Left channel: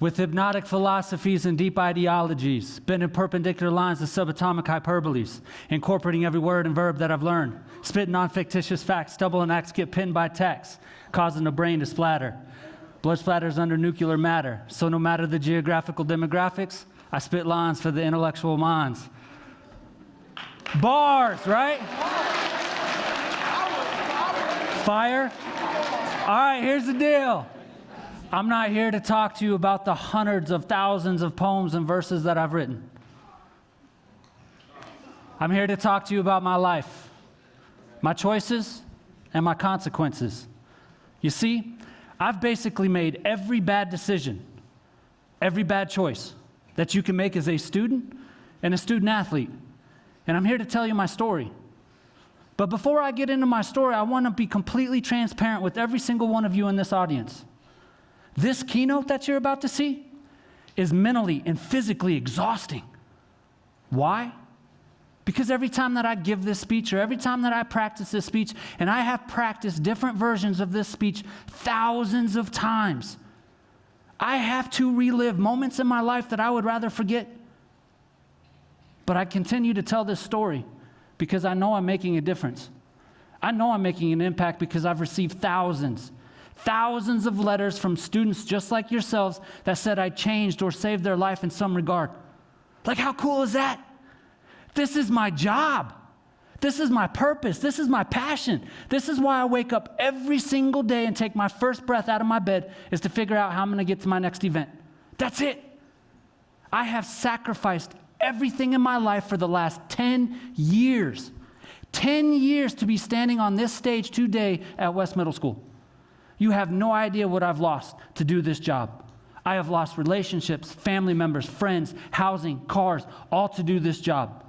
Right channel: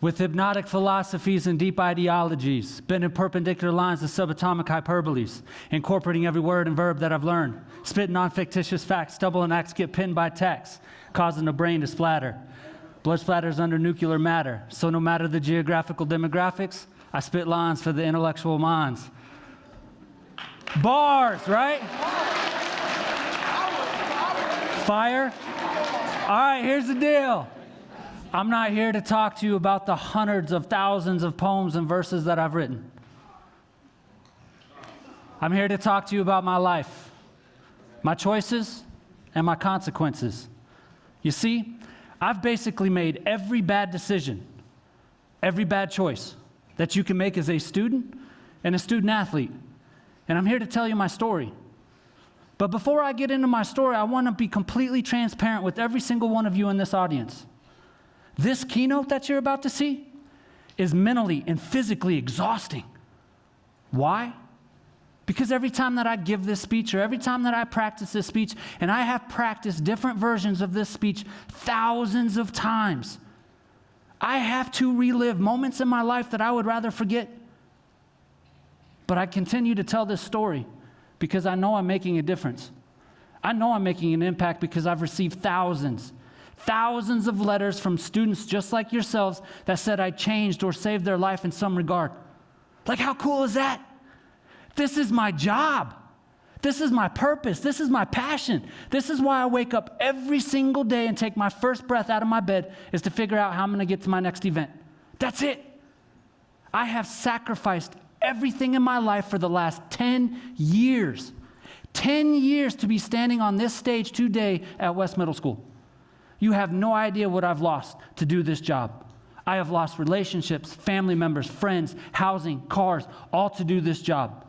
with hypnotic philosophies and deep ideologies, spinning perpendicular lines of subatomic hyperboles, incorporating every word and verb that I've learned, spitting on fictitious facts, stumbling acts get pinned by text, causing the brain to splatter. Blood splatters under nuclear matter, so no matter the geographical demographics, I spit lines for the intellectual minds. Bars, right? Fire? All right, here's the deal. I'm not here to talk to you about the hundreds of thousands of poems and verses that I've written. I'm here to talk to you about my life, my choices, and my consequences. You see, I've basically made every bad decision, every bad choice that you can make as a student and a student athlete. And I'm here to tell you my story. But before I get into my story, I want to be completely transparent with every single one of you in this audience. This keynote that you're about to see is mentally and physically exhausting. Why? Because every time that I give this speech or every time that I practice this speech, and I have practiced different versions of this speech thousands of times, I have to relive moments in my life that I would rather forget. But I continue to tell this story because I know I'm making a difference. I know I'm making an impact because I've received thousands of letters from students just like yourselves that said I changed or saved their life in some regard. Like, how cool is that? This is my job. This is my purpose. This is my passion. This is why I wake up every single day and take my first breath out of my bed, is to figure out how I'm going to get to my next event. That's it. I have sacrificed everything in my life for the last 10 years. 10 years to be standing on this stage today at West Middle School. You have no idea what I've lost to do this job. I have lost relationships, family members, friends, housing, cars, all to do this job.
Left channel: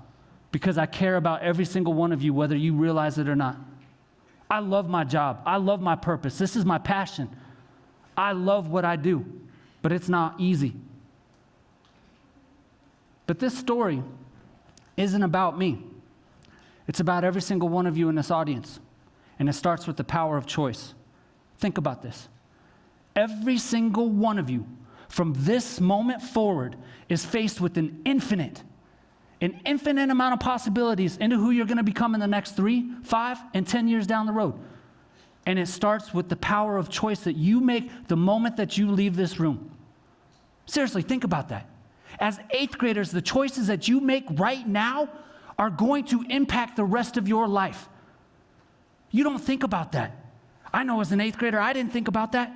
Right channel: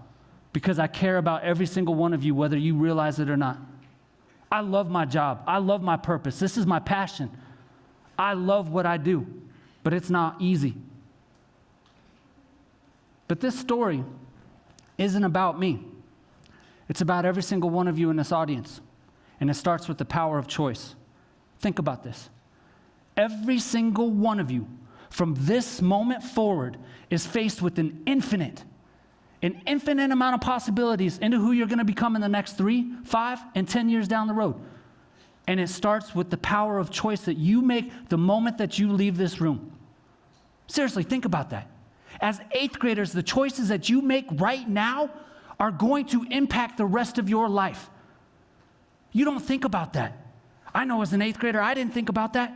Because I care about every single one of you, whether you realize it or not. I love my job. I love my purpose. This is my passion. I love what I do, but it's not easy. But this story isn't about me. It's about every single one of you in this audience. And it starts with the power of choice. Think about this. Every single one of you, from this moment forward, is faced with an infinite amount of possibilities into who you're going to become in the next 3, 5, and 10 years down the road. And it starts with the power of choice that you make the moment that you leave this room. Seriously, think about that. As 8th graders, the choices that you make right now are going to impact the rest of your life. You don't think about that. I know as an 8th grader, I didn't think about that.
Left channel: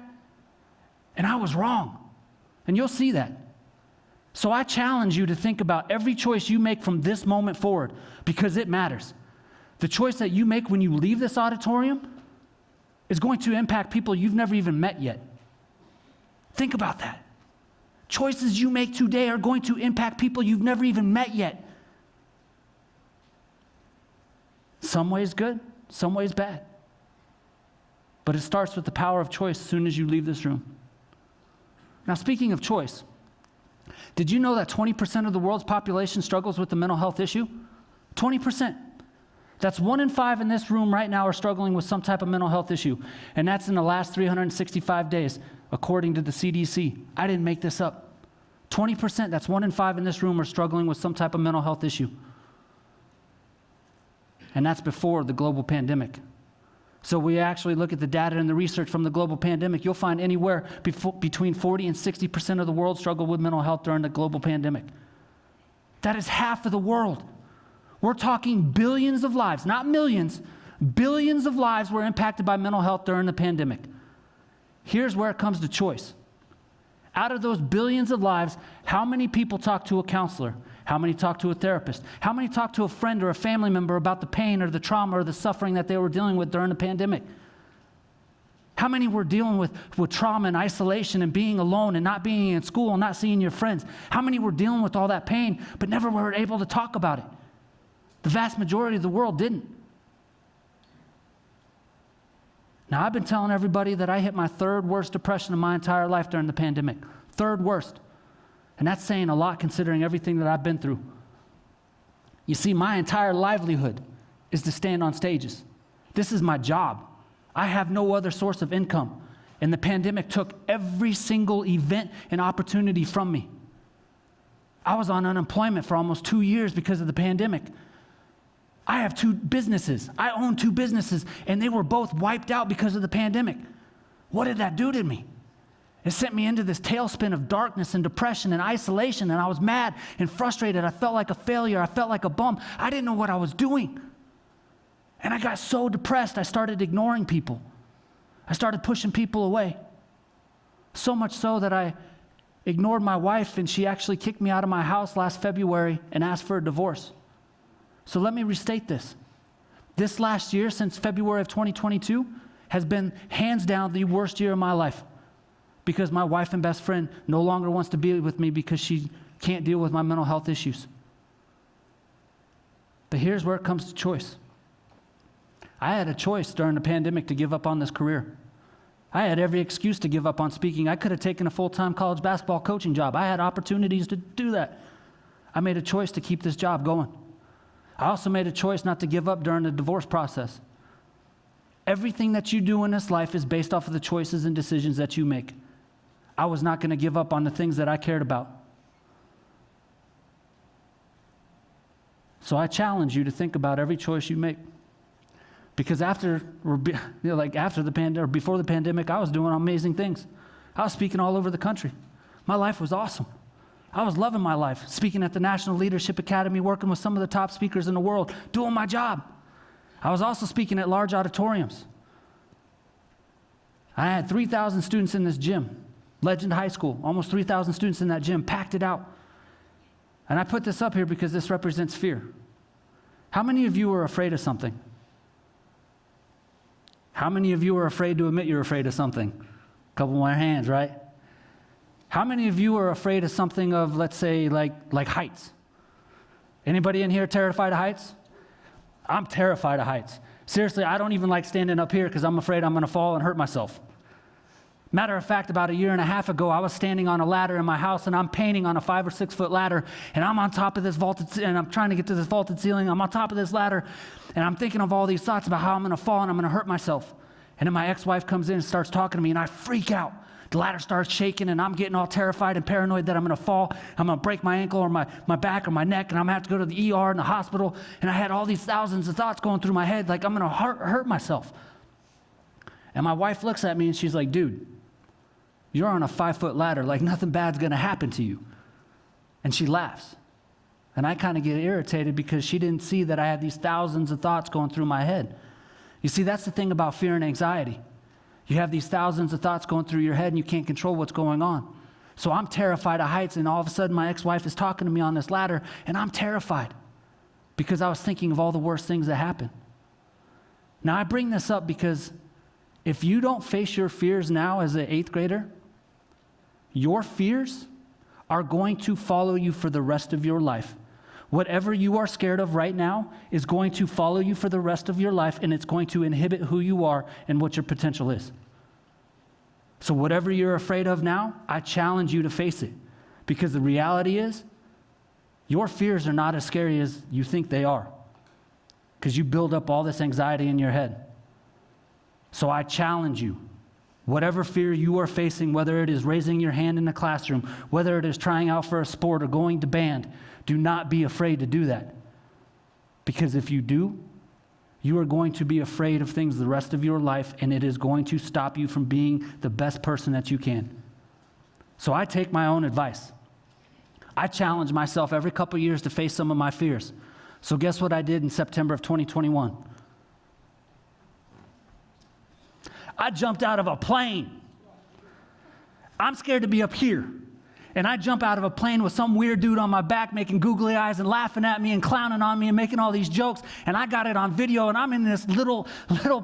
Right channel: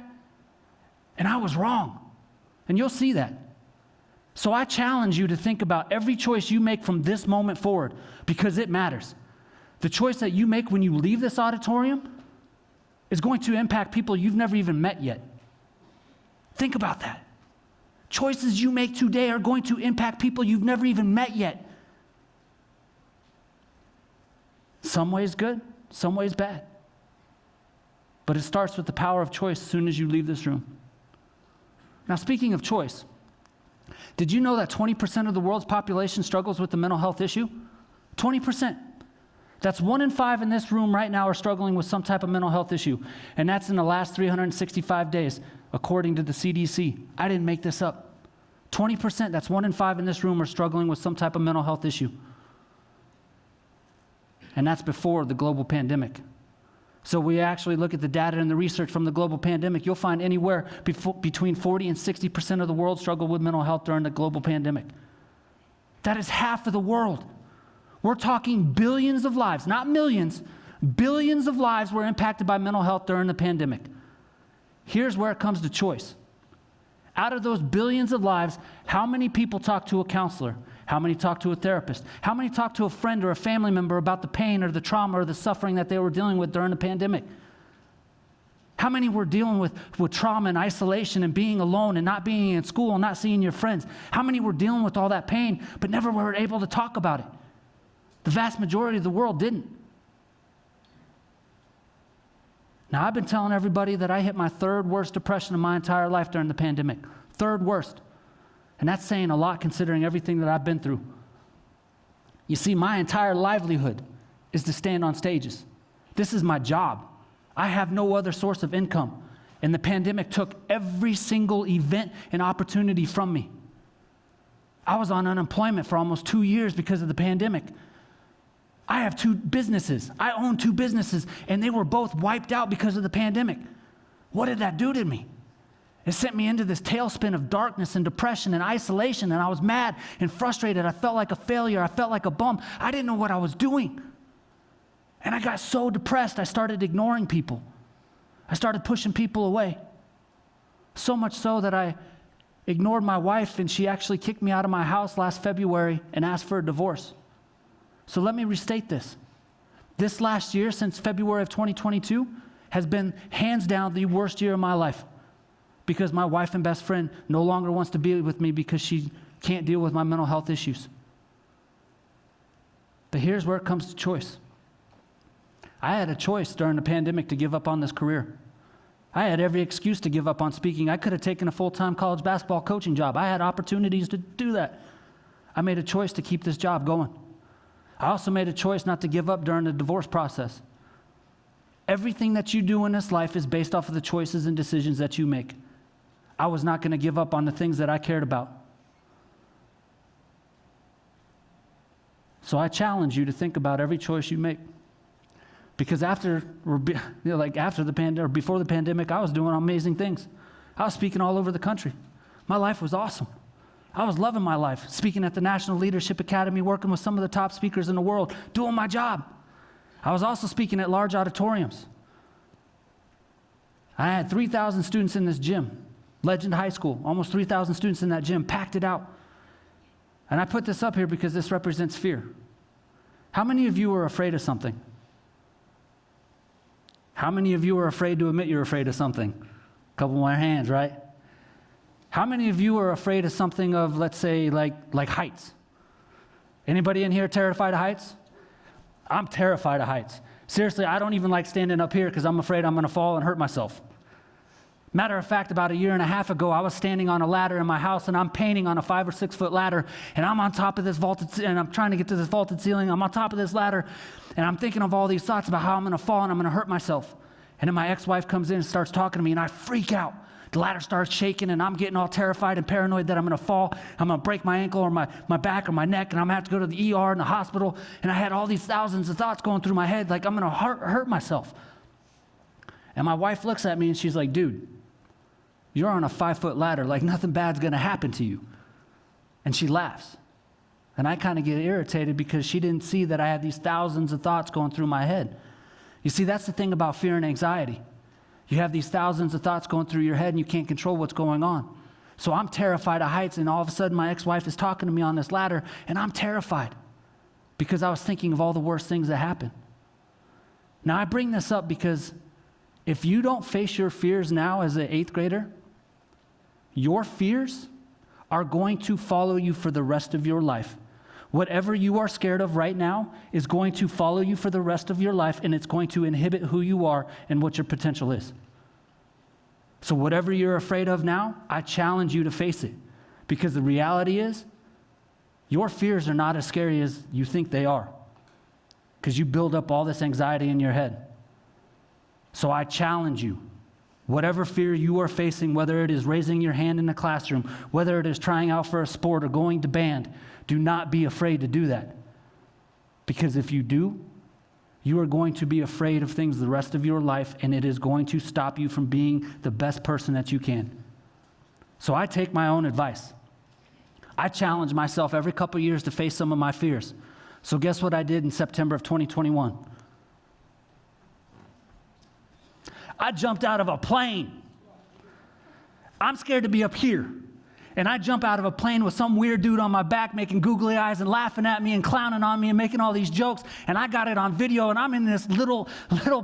And I was wrong. And you'll see that. So I challenge you to think about every choice you make from this moment forward, because it matters. The choice that you make when you leave this auditorium is going to impact people you've never even met yet. Think about that. Choices you make today are going to impact people you've never even met yet. Some ways good, some ways bad. But it starts with the power of choice as soon as you leave this room. Now, speaking of choice, did you know that 20% of the world's population struggles with a mental health issue? 20%. That's 1 in 5 in this room right now are struggling with some type of mental health issue. And that's in the last 365 days, according to the CDC. I didn't make this up. 20%, that's 1 in 5 in this room are struggling with some type of mental health issue. And that's before the global pandemic. So we actually look at the data and the research from the global pandemic. You'll find anywhere between 40 and 60% of the world struggled with mental health during the global pandemic. That is half of the world. We're talking billions of lives, not millions. Billions of lives were impacted by mental health during the pandemic. Here's where it comes to choice. Out of those billions of lives, how many people talk to a counselor? How many talk to a therapist? How many talk to a friend or a family member about the pain or the trauma or the suffering that they were dealing with during the pandemic? How many were dealing with trauma and isolation and being alone and not being in school and not seeing your friends? How many were dealing with all that pain but never were able to talk about it? The vast majority of the world didn't. Now, I've been telling everybody that I hit my 3rd worst depression of my entire life during the pandemic. 3rd worst. And that's saying a lot considering everything that I've been through. You see, my entire livelihood is to stand on stages. This is my job. I have no other source of income. And the pandemic took every single event and opportunity from me. I was on unemployment for almost 2 years because of the pandemic. I have 2 businesses. I own 2 businesses, and they were both wiped out because of the pandemic. What did that do to me? It sent me into this tailspin of darkness and depression and isolation, and I was mad and frustrated. I felt like a failure. I felt like a bum. I didn't know what I was doing. And I got so depressed, I started ignoring people. I started pushing people away. So much so that I ignored my wife, and she actually kicked me out of my house last February and asked for a divorce. So let me restate this. This last year, since February of 2022, has been hands down the worst year of my life, because my wife and best friend no longer wants to be with me because she can't deal with my mental health issues. But here's where it comes to choice. I had a choice during the pandemic to give up on this career. I had every excuse to give up on speaking. I could have taken a full-time college basketball coaching job. I had opportunities to do that. I made a choice to keep this job going. I also made a choice not to give up during the divorce process. Everything that you do in this life is based off of the choices and decisions that you make. I was not going to give up on the things that I cared about. So I challenge you to think about every choice you make. Because after the pandemic, before the pandemic, I was doing amazing things. I was speaking all over the country. My life was awesome. I was loving my life, speaking at the National Leadership Academy, working with some of the top speakers in the world, doing my job. I was also speaking at large auditoriums. I had 3,000 students in this gym, Legend High School, almost 3,000 students in that gym, packed it out. And I put this up here because this represents fear. How many of you are afraid of something? How many of you are afraid to admit you're afraid of something? A couple more hands, right? How many of you are afraid of something of, let's say, like heights? Anybody in here terrified of heights? I'm terrified of heights. Seriously, I don't even like standing up here because I'm afraid I'm going to fall and hurt myself. Matter of fact, about 1.5 years ago, I was standing on a ladder in my house, and I'm painting on a 5 or 6 foot ladder, and I'm on top of this and I'm trying to get to this vaulted ceiling. I'm on top of this ladder, and I'm thinking of all these thoughts about how I'm going to fall and I'm going to hurt myself. And then my ex-wife comes in and starts talking to me, and I freak out. The ladder starts shaking, and I'm getting all terrified and paranoid that I'm going to fall. I'm going to break my ankle or my back or my neck, and I'm going to have to go to the ER and the hospital. And I had all these thousands of thoughts going through my head, like I'm going to hurt myself. And my wife looks at me, and she's like, dude, you're on a 5 foot ladder, like nothing bad's going to happen to you. And she laughs. And I kind of get irritated because she didn't see that I had these thousands of thoughts going through my head. You see, that's the thing about fear and anxiety. You have these thousands of thoughts going through your head, and you can't control what's going on. So I'm terrified of heights, and all of a sudden my ex-wife is talking to me on this ladder, and I'm terrified because I was thinking of all the worst things that happened. Now, I bring this up because if you don't face your fears now as an 8th grader, your fears are going to follow you for the rest of your life. Whatever you are scared of right now is going to follow you for the rest of your life, and it's going to inhibit who you are and what your potential is. So whatever you're afraid of now, I challenge you to face it, because the reality is your fears are not as scary as you think they are, because you build up all this anxiety in your head. So I challenge you. Whatever fear you are facing, whether it is raising your hand in the classroom, whether it is trying out for a sport or going to band, do not be afraid to do that. Because if you do, you are going to be afraid of things the rest of your life, and it is going to stop you from being the best person that you can. So I take my own advice. I challenge myself every couple of years to face some of my fears. So guess what I did in September of 2021? I jumped out of a plane. I'm scared to be up here. And I jump out of a plane with some weird dude on my back making googly eyes and laughing at me and clowning on me and making all these jokes. And I got it on video, and I'm in this little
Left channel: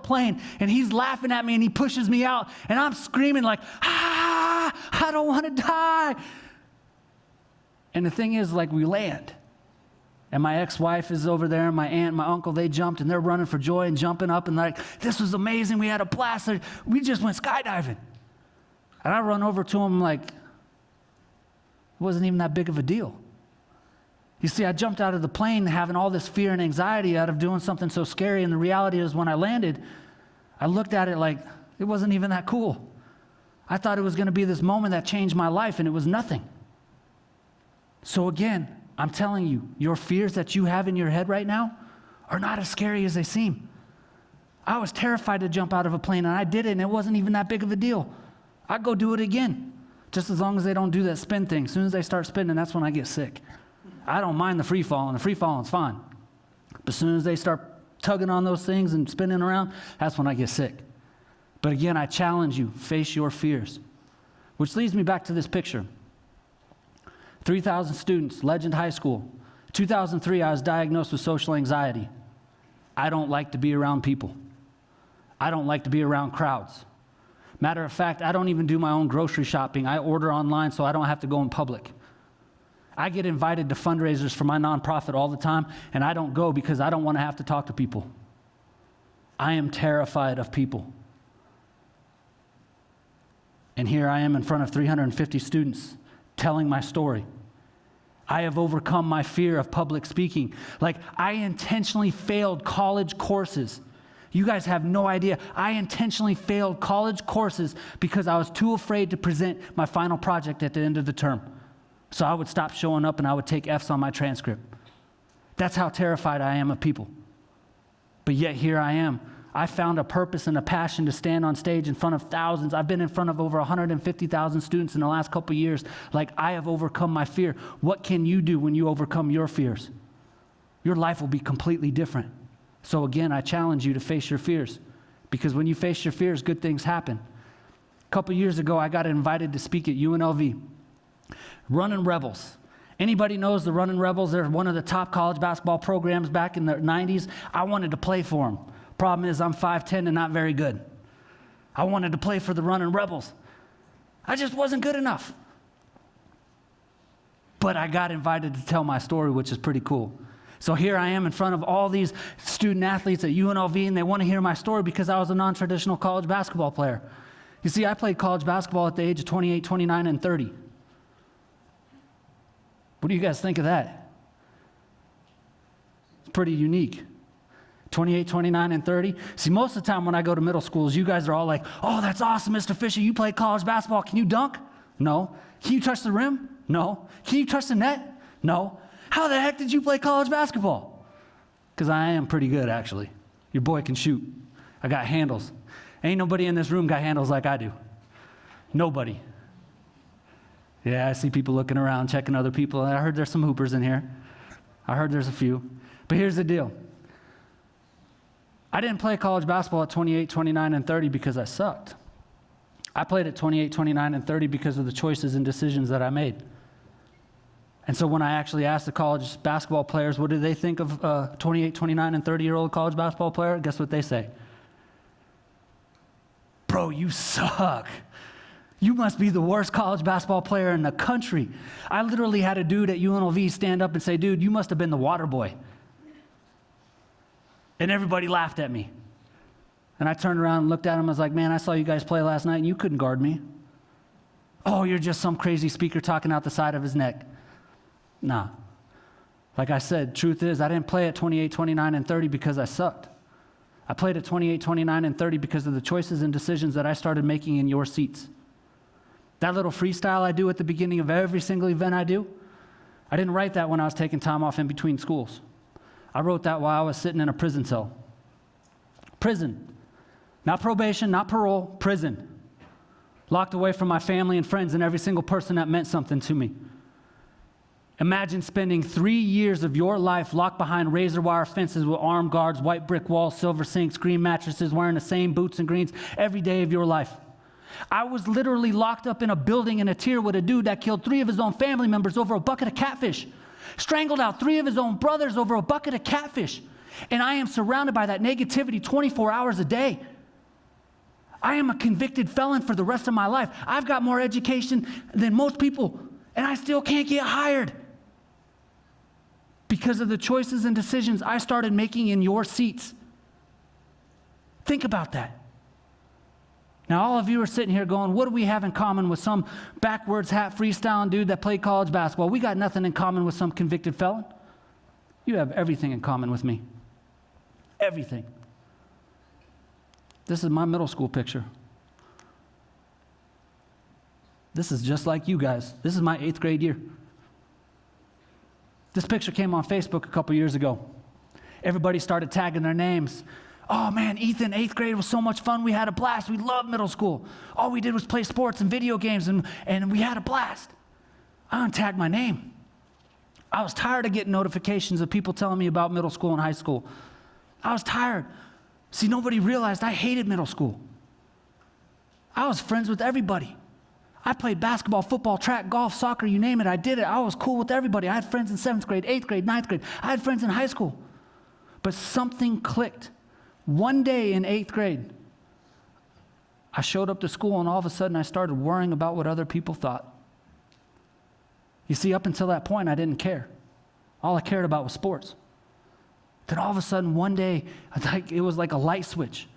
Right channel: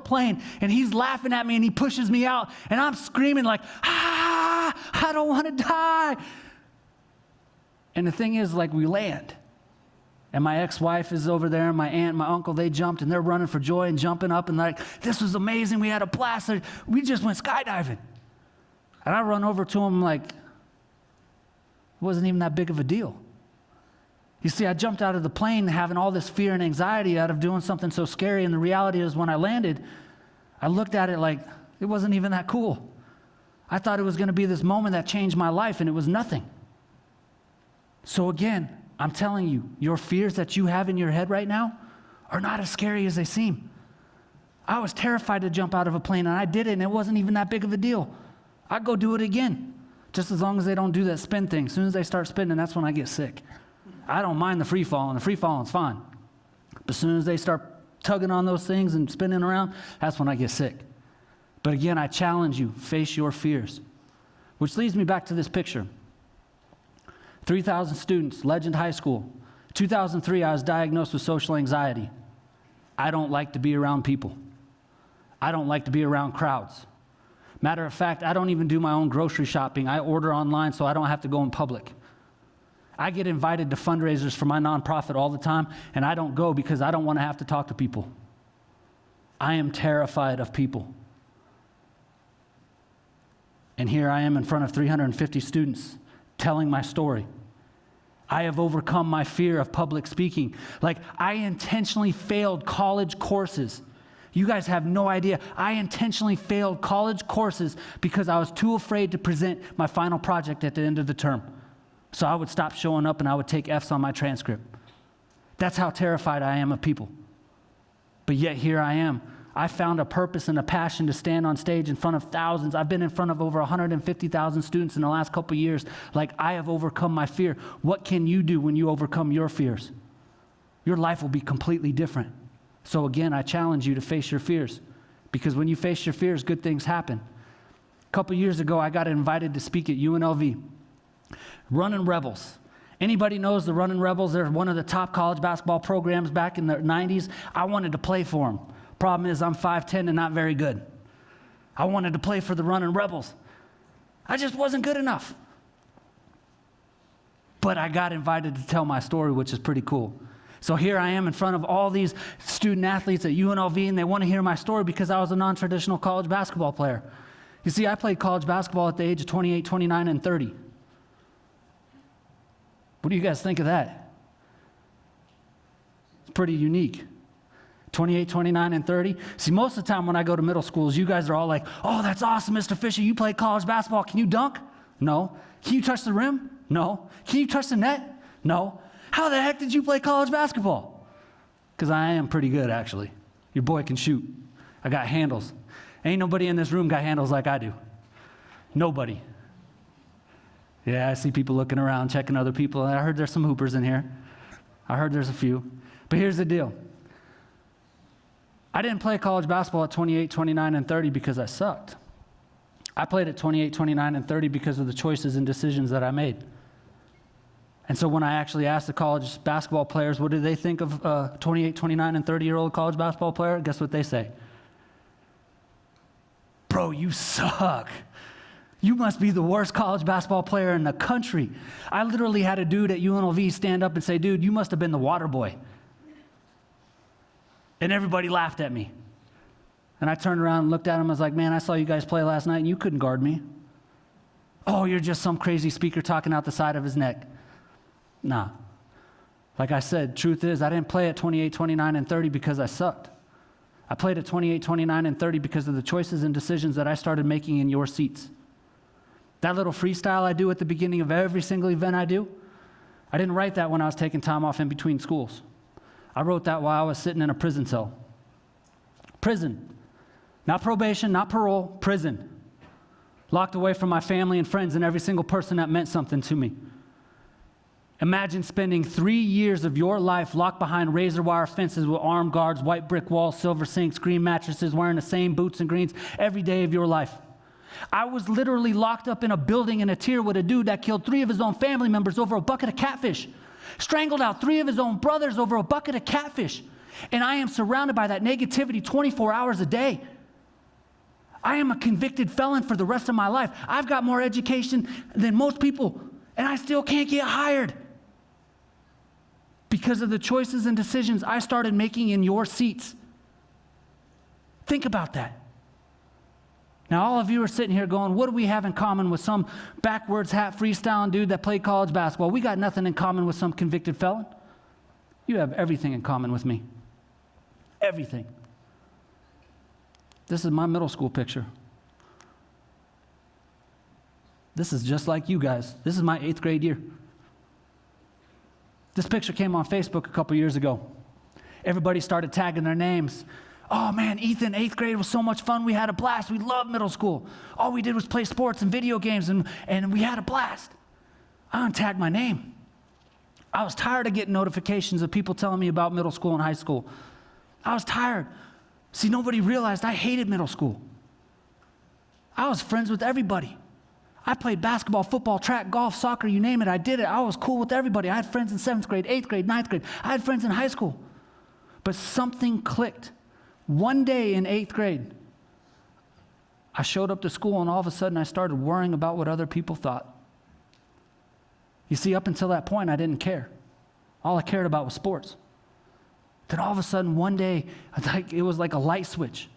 plane, and he's laughing at me, and he pushes me out, and I'm screaming like, ah, I don't want to die. And the thing is, like, we land. And my ex-wife is over there, and my aunt and my uncle, they jumped, and they're running for joy and jumping up, and like, this was amazing. We had a blast. We just went skydiving. And I run over to him like, it wasn't even that big of a deal. You see, I jumped out of the plane having all this fear and anxiety out of doing something so scary, and the reality is when I landed, I looked at it like it wasn't even that cool. I thought it was going to be this moment that changed my life, and it was nothing. So again, I'm telling you, your fears that you have in your head right now are not as scary as they seem. I was terrified to jump out of a plane, and I did it, and it wasn't even that big of a deal. I'd go do it again, just as long as they don't do that spin thing. As soon as they start spinning, that's when I get sick. I don't mind the free falling. The free falling's fine. But as soon as they start tugging on those things and spinning around, that's when I get sick. But again, I challenge you, face your fears. Which leads me back to this picture. 3,000 students, Legend High School. 2003, I was diagnosed with social anxiety. I don't like to be around people. I don't like to be around crowds. Matter of fact, I don't even do my own grocery shopping. I order online so I don't have to go in public. I get invited to fundraisers for my nonprofit all the time, and I don't go because I don't want to have to talk to people. I am terrified of people. And here I am in front of 350 students telling my story. I have overcome my fear of public speaking. Like, I intentionally failed college courses. You guys have no idea. I intentionally failed college courses because I was too afraid to present my final project at the end of the term. So I would stop showing up and I would take F's on my transcript. That's how terrified I am of people. But yet here I am. I found a purpose and a passion to stand on stage in front of thousands. I've been in front of over 150,000 students in the last couple of years. Like, I have overcome my fear. What can you do when you overcome your fears? Your life will be completely different. So again, I challenge you to face your fears, because when you face your fears, good things happen. A couple years ago, I got invited to speak at UNLV. Running Rebels. Anybody knows the Running Rebels? They're one of the top college basketball programs back in the 90s. I wanted to play for them. Problem is, I'm 5'10" and not very good. I wanted to play for the Running Rebels. I just wasn't good enough. But I got invited to tell my story, which is pretty cool. So here I am in front of all these student athletes at UNLV, and they want to hear my story because I was a non-traditional college basketball player. You see, I played college basketball at the age of 28, 29, and 30. What do you guys think of that? It's pretty unique. 28, 29, and 30. See, most of the time when I go to middle schools, you guys are all like, oh, that's awesome, Mr. Fisher. You played college basketball. Can you dunk? No. Can you touch the rim? No. Can you touch the net? No. How the heck did you play college basketball? Because I am pretty good, actually. Your boy can shoot. I got handles. Ain't nobody in this room got handles like I do. Nobody. Yeah, I see people looking around, checking other people, and I heard there's some hoopers in here. I heard there's a few. But here's the deal. I didn't play college basketball at 28, 29, and 30 because I sucked. I played at 28, 29, and 30 because of the choices and decisions that I made. And so when I actually asked the college basketball players, what do they think of a 28, 29, and 30-year-old college basketball player? Guess what they say? Bro, you suck. You must be the worst college basketball player in the country. I literally had a dude at UNLV stand up and say, dude, you must have been the water boy. And everybody laughed at me. And I turned around and looked at him. I was like, man, I saw you guys play last night and you couldn't guard me. Oh, you're just some crazy speaker talking out the side of his neck. Nah. Like I said, truth is, I didn't play at 28, 29, and 30 because I sucked. I played at 28, 29, and 30 because of the choices and decisions that I started making in your seats. That little freestyle I do at the beginning of every single event I do, I didn't write that when I was taking time off in between schools. I wrote that while I was sitting in a prison cell. Prison. Not probation, not parole, prison. Locked away from my family and friends and every single person that meant something to me. Imagine spending 3 years of your life locked behind razor wire fences with armed guards, white brick walls, silver sinks, green mattresses, wearing the same boots and greens every day of your life. I was literally locked up in a building in a tier with a dude that killed 3 of his own family members over a bucket of catfish. Strangled out 3 of his own brothers over a bucket of catfish. And I am surrounded by that negativity 24 hours a day. I am a convicted felon for the rest of my life. I've got more education than most people, and I still can't get hired. Because of the choices and decisions I started making in your seats. Think about that. Now, all of you are sitting here going, what do we have in common with some backwards hat freestyling dude that played college basketball? We got nothing in common with some convicted felon. You have everything in common with me. Everything. This is my middle school picture. This is just like you guys. This is my 8th grade year. This picture came on Facebook a couple years ago. Everybody started tagging their names. Oh man, Ethan, 8th grade was so much fun. We had a blast. We loved middle school. All we did was play sports and video games, and we had a blast. I untagged my name. I was tired of getting notifications of people telling me about middle school and high school. I was tired. See, nobody realized I hated middle school. I was friends with everybody. I played basketball, football, track, golf, soccer, you name it, I did it. I was cool with everybody. I had friends in 7th grade, 8th grade, 9th grade. I had friends in high school. But something clicked. One day in 8th grade, I showed up to school, and all of a sudden I started worrying about what other people thought. You see, up until that point, I didn't care. All I cared about was sports. Then all of a sudden, one day, it was like a light switch.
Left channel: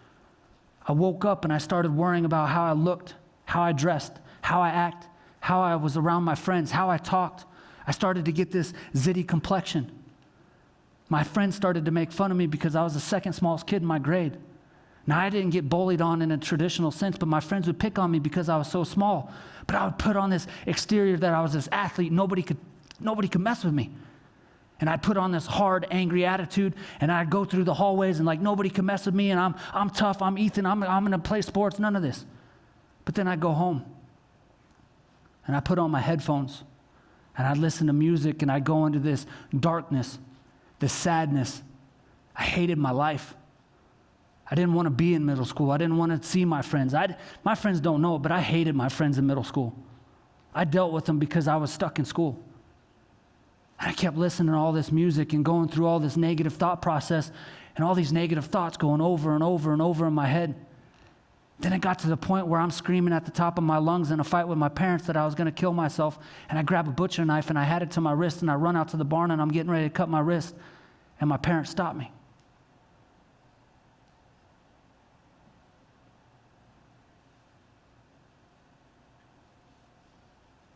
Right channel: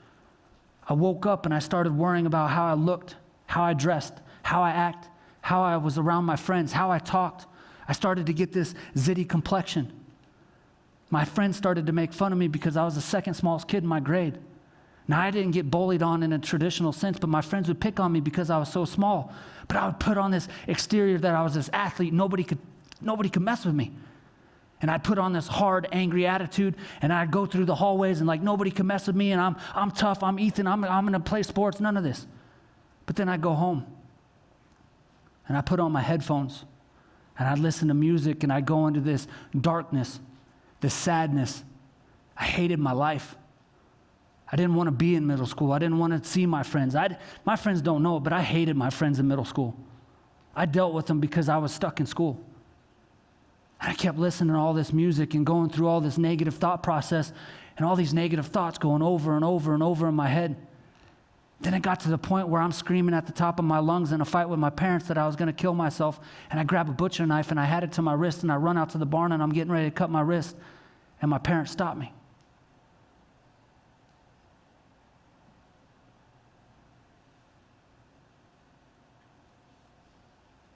I woke up and I started worrying about how I looked, how I dressed, how I act, how I was around my friends, how I talked. I started to get this zitty complexion. My friends started to make fun of me because I was the second smallest kid in my grade. Now, I didn't get bullied on in a traditional sense, but my friends would pick on me because I was so small. But I would put on this exterior that I was this athlete. Nobody could mess with me. And I'd put on this hard, angry attitude, and I'd go through the hallways and like nobody can mess with me, and I'm tough, I'm Ethan, I'm going to play sports, none of this. But then I'd go home, and I put on my headphones, and I'd listen to music, and I'd go into this darkness, this sadness. I hated my life. I didn't want to be in middle school. I didn't want to see my friends. My friends don't know it, but I hated my friends in middle school. I dealt with them because I was stuck in school. And I kept listening to all this music and going through all this negative thought process and all these negative thoughts going over and over and over in my head. Then it got to the point where I'm screaming at the top of my lungs in a fight with my parents that I was going to kill myself. And I grab a butcher knife and I had it to my wrist, and I run out to the barn and I'm getting ready to cut my wrist. And my parents stopped me.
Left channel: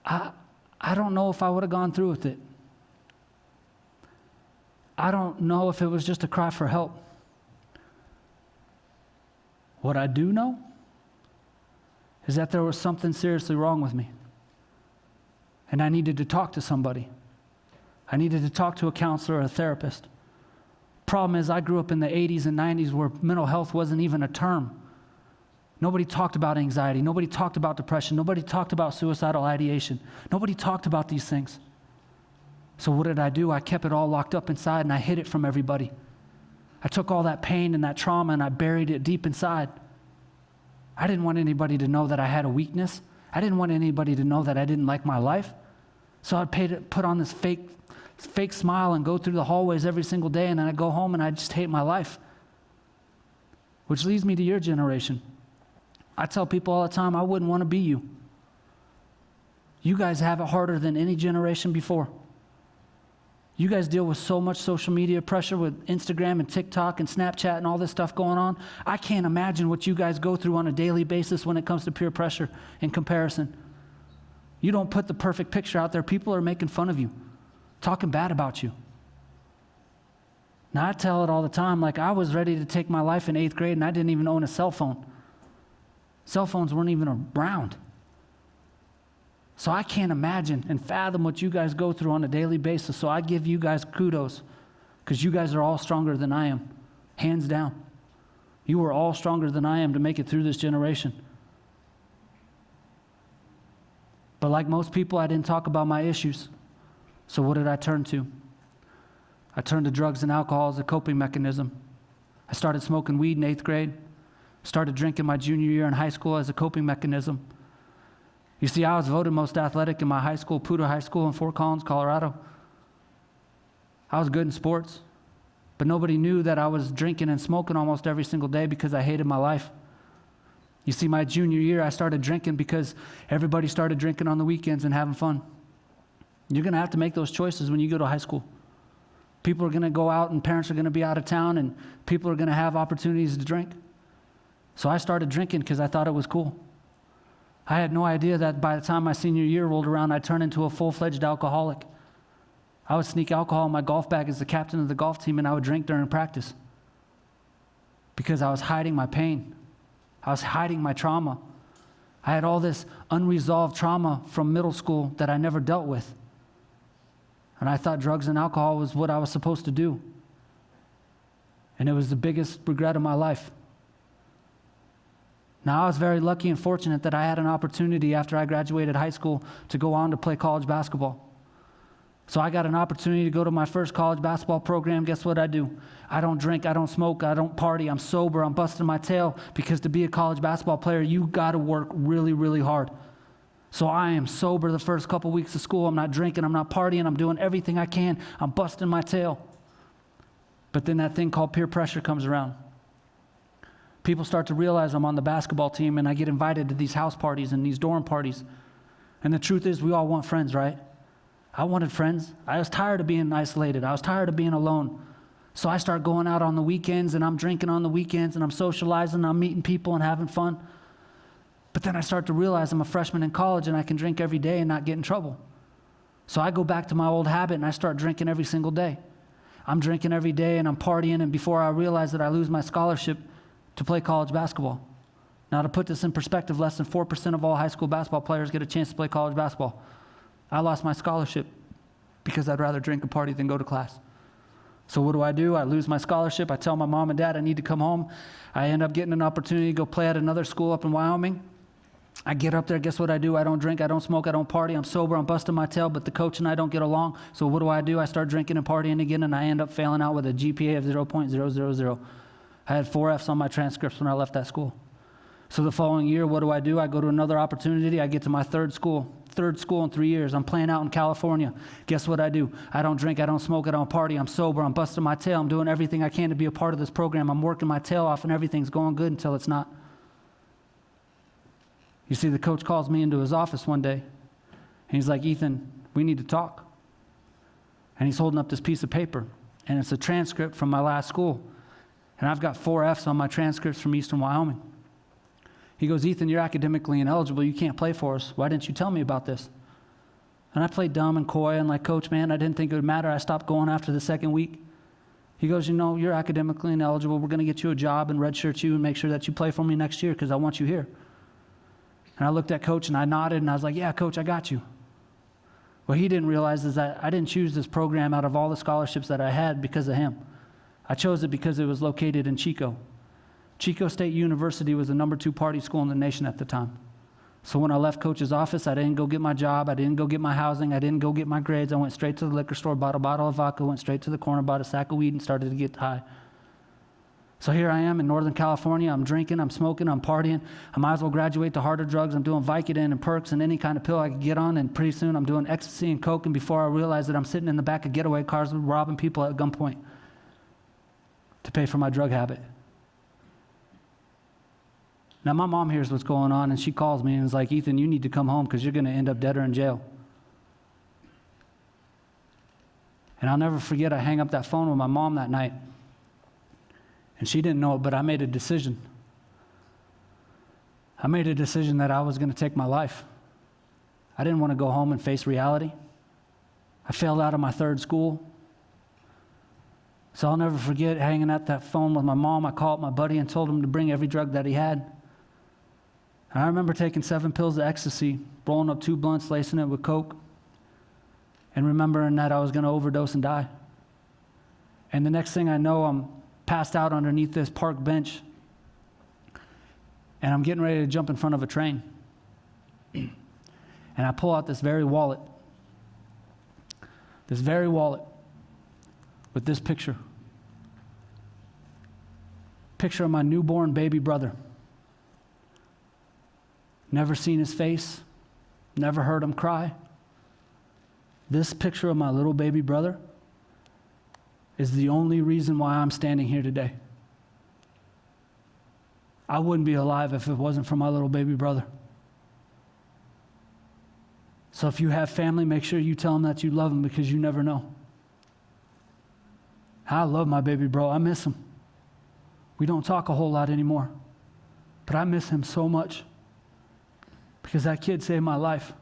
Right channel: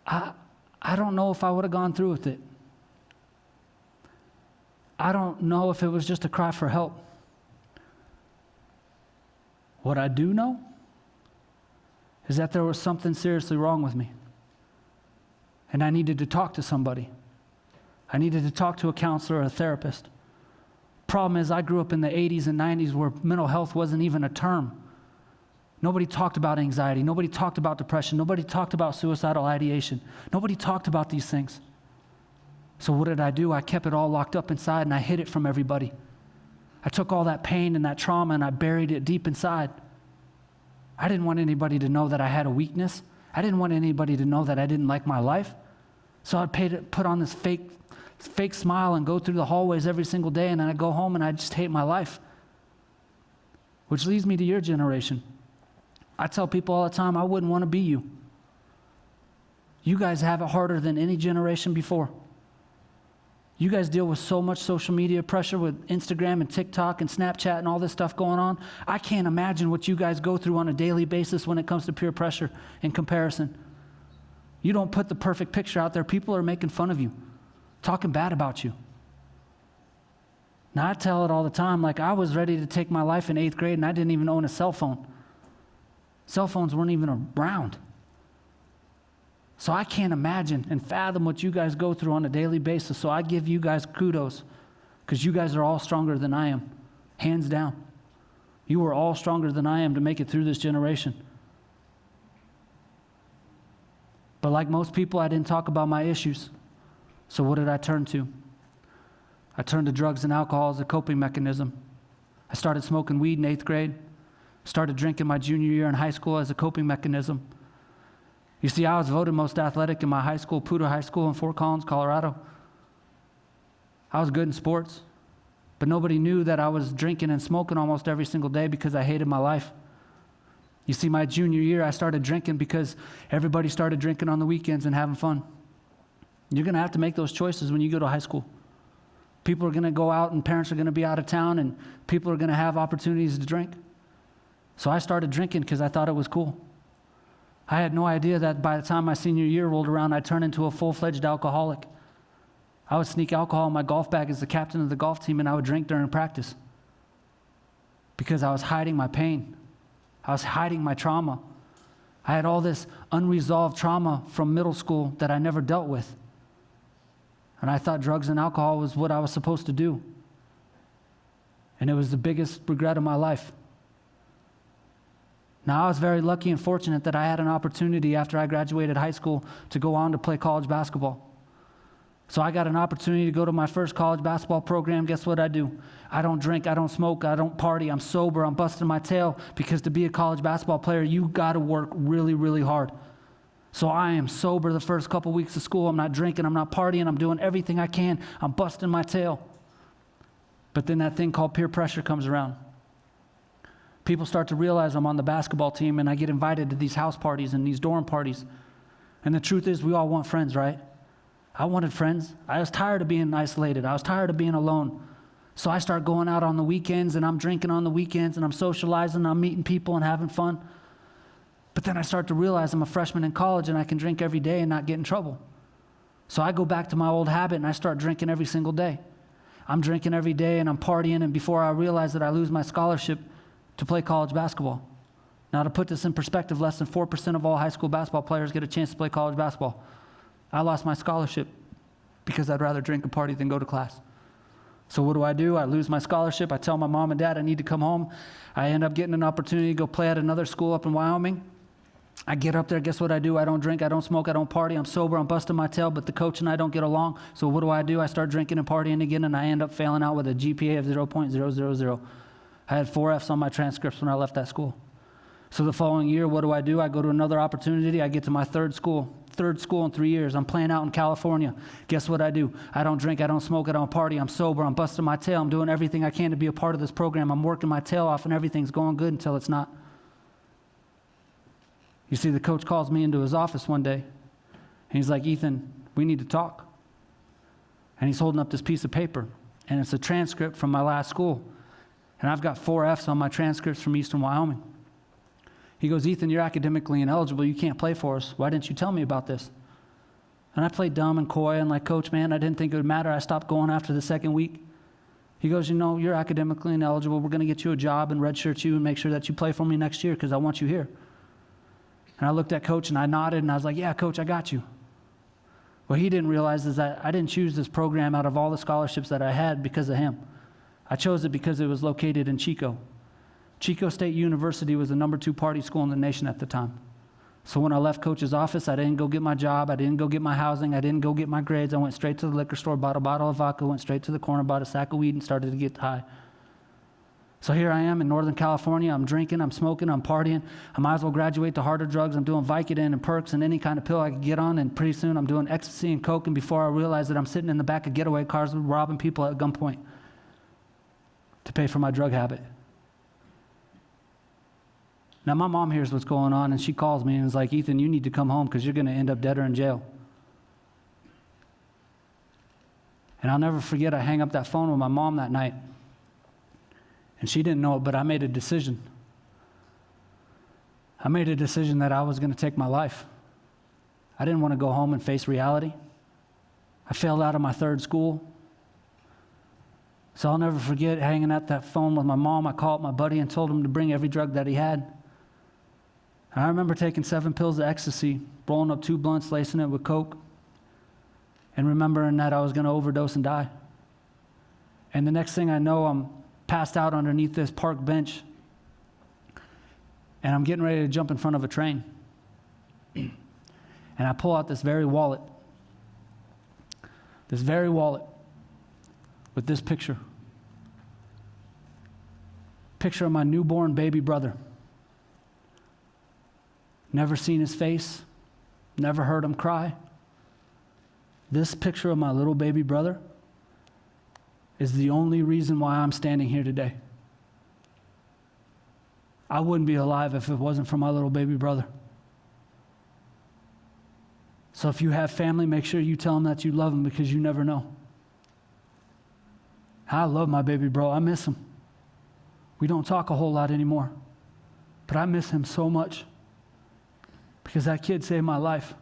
I don't know if I would have gone through with it. I don't know if it was just a cry for help. What I do know is that there was something seriously wrong with me. And I needed to talk to somebody. I needed to talk to a counselor or a therapist. Problem is, I grew up in the 80s and 90s where mental health wasn't even a term. Nobody talked about anxiety. Nobody talked about depression. Nobody talked about suicidal ideation. Nobody talked about these things. So what did I do? I kept it all locked up inside, and I hid it from everybody. I took all that pain and that trauma and I buried it deep inside. I didn't want anybody to know that I had a weakness. I didn't want anybody to know that I didn't like my life. So I'd put on this fake smile and go through the hallways every single day, and then I'd go home and I'd just hate my life. Which leads me to your generation. I tell people all the time, I wouldn't want to be you. You guys have it harder than any generation before. You guys deal with so much social media pressure with Instagram and TikTok and Snapchat and all this stuff going on. I can't imagine what you guys go through on a daily basis when it comes to peer pressure and comparison. You don't put the perfect picture out there. People are making fun of you, talking bad about you. Now, I tell it all the time, like I was ready to take my life in 8th grade and I didn't even own a cell phone. Cell phones weren't even around. So I can't imagine and fathom what you guys go through on a daily basis. So I give you guys kudos because you guys are all stronger than I am, hands down. You are all stronger than I am to make it through this generation. But like most people, I didn't talk about my issues. So what did I turn to? I turned to drugs and alcohol as a coping mechanism. I started smoking weed in 8th grade. Started drinking my junior year in high school as a coping mechanism. You see, I was voted most athletic in my high school, Puda High School in Fort Collins, Colorado. I was good in sports, but nobody knew that I was drinking and smoking almost every single day because I hated my life. You see, my junior year, I started drinking because everybody started drinking on the weekends and having fun. You're going to have to make those choices when you go to high school. People are going to go out and parents are going to be out of town and people are going to have opportunities to drink. So I started drinking because I thought it was cool. I had no idea that by the time my senior year rolled around, I'd turn into a full-fledged alcoholic. I would sneak alcohol in my golf bag as the captain of the golf team, and I would drink during practice because I was hiding my pain. I was hiding my trauma. I had all this unresolved trauma from middle school that I never dealt with. And I thought drugs and alcohol was what I was supposed to do. And it was the biggest regret of my life. Now, I was very lucky and fortunate that I had an opportunity after I graduated high school to go on to play college basketball. So I got an opportunity to go to my first college basketball program. Guess what I do? I don't drink, I don't smoke, I don't party, I'm sober, I'm busting my tail, because to be a college basketball player, you got to work really, really hard. So I am sober the first couple weeks of school. I'm not drinking, I'm not partying, I'm doing everything I can. I'm busting my tail. But then that thing called peer pressure comes around. People start to realize I'm on the basketball team, and I get invited to these house parties and these dorm parties. And the truth is, we all want friends, right? I wanted friends. I was tired of being isolated. I was tired of being alone. So I start going out on the weekends, and I'm drinking on the weekends, and I'm socializing, and I'm meeting people and having fun. But then I start to realize I'm a freshman in college, and I can drink every day and not get in trouble. So I go back to my old habit, and I start drinking every single day. I'm drinking every day, and I'm partying, and before I realize that, I lose my scholarship to play college basketball. Now, to put this in perspective, less than 4% of all high school basketball players get a chance to play college basketball. I lost my scholarship because I'd rather drink and party than go to class. So what do? I lose my scholarship. I tell my mom and dad I need to come home. I end up getting an opportunity to go play at another school up in Wyoming. I get up there, guess what I do? I don't drink, I don't smoke, I don't party, I'm sober, I'm busting my tail, but the coach and I don't get along. So what do? I start drinking and partying again, and I end up failing out with a GPA of 0.000. I had 4 Fs on my transcripts when I left that school. So the following year, what do? I go to another opportunity. I get to my third school in 3 years. I'm playing out in California. Guess what I do? I don't drink, I don't smoke, I don't party, I'm sober, I'm busting my tail, I'm doing everything I can to be a part of this program. I'm working my tail off, and everything's going good until it's not. You see, the coach calls me into his office one day, and he's like, Ethan, we need to talk. And he's holding up this piece of paper, and it's a transcript from my last school. And I've got 4 Fs on my transcripts from Eastern Wyoming. He goes, Ethan, you're academically ineligible. You can't play for us. Why didn't you tell me about this? And I played dumb and coy and like, Coach, man, I didn't think it would matter. I stopped going after the second week. He goes, you're academically ineligible. We're going to get you a job and redshirt you and make sure that you play for me next year because I want you here. And I looked at Coach and I nodded and I was like, yeah, Coach, I got you. What he didn't realize is that I didn't choose this program out of all the scholarships that I had because of him. I chose it because it was located in Chico. Chico State University was the #2 party school in the nation at the time. So when I left Coach's office, I didn't go get my job, I didn't go get my housing, I didn't go get my grades. I went straight to the liquor store, bought a bottle of vodka, went straight to the corner, bought a sack of weed, and started to get high. So here I am in Northern California. I'm drinking, I'm smoking, I'm partying. I might as well graduate to harder drugs. I'm doing Vicodin and perks and any kind of pill I could get on, and pretty soon I'm doing ecstasy and coke, and before I realize it, I'm sitting in the back of getaway cars and robbing people at gunpoint to pay for my drug habit. Now, my mom hears what's going on, and she calls me and is like, Ethan, you need to come home because you're going to end up dead or in jail. And I'll never forget, I hang up that phone with my mom that night. And she didn't know it, but I made a decision. I made a decision that I was going to take my life. I didn't want to go home and face reality. I failed out of my third school. So I'll never forget hanging up that phone with my mom. I called my buddy and told him to bring every drug that he had. And I remember taking 7 pills of ecstasy, rolling up 2 blunts, lacing it with coke, and remembering that I was going to overdose and die. And the next thing I know, I'm passed out underneath this park bench, and I'm getting ready to jump in front of a train. And I pull out this very wallet with this picture of my newborn baby brother. Never seen his face, never heard him cry. This picture of my little baby brother is the only reason why I'm standing here today. I wouldn't be alive if it wasn't for my little baby brother. So if you have family, make sure you tell them that you love them, because you never know. I love my baby bro. I miss him. We don't talk a whole lot anymore, but I miss him so much because that kid saved my life.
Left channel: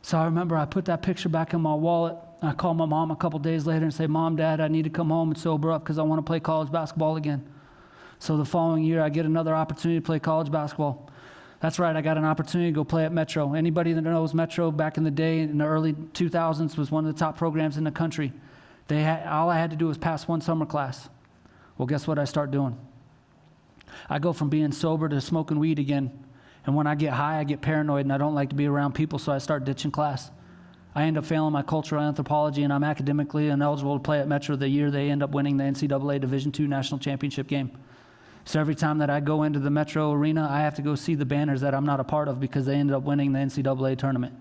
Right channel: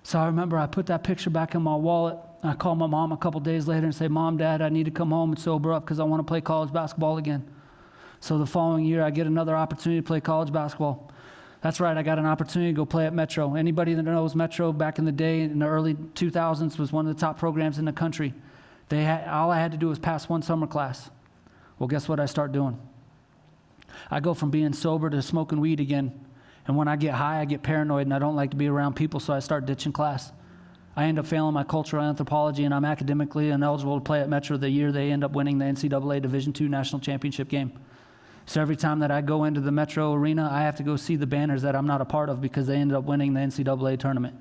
So I remember I put that picture back in my wallet. I called my mom a couple days later and said, Mom, Dad, I need to come home and sober up because I want to play college basketball again. So the following year, I get another opportunity to play college basketball. That's right, I got an opportunity to go play at Metro. Anybody that knows Metro back in the day, in the early 2000s, was one of the top programs in the country. All I had to do was pass one summer class. Well, guess what I start doing? I go from being sober to smoking weed again. And when I get high, I get paranoid, and I don't like to be around people, so I start ditching class. I end up failing my cultural anthropology, and I'm academically ineligible to play at Metro the year they end up winning the NCAA Division II National Championship game. So every time that I go into the Metro arena, I have to go see the banners that I'm not a part of because they ended up winning the NCAA tournament.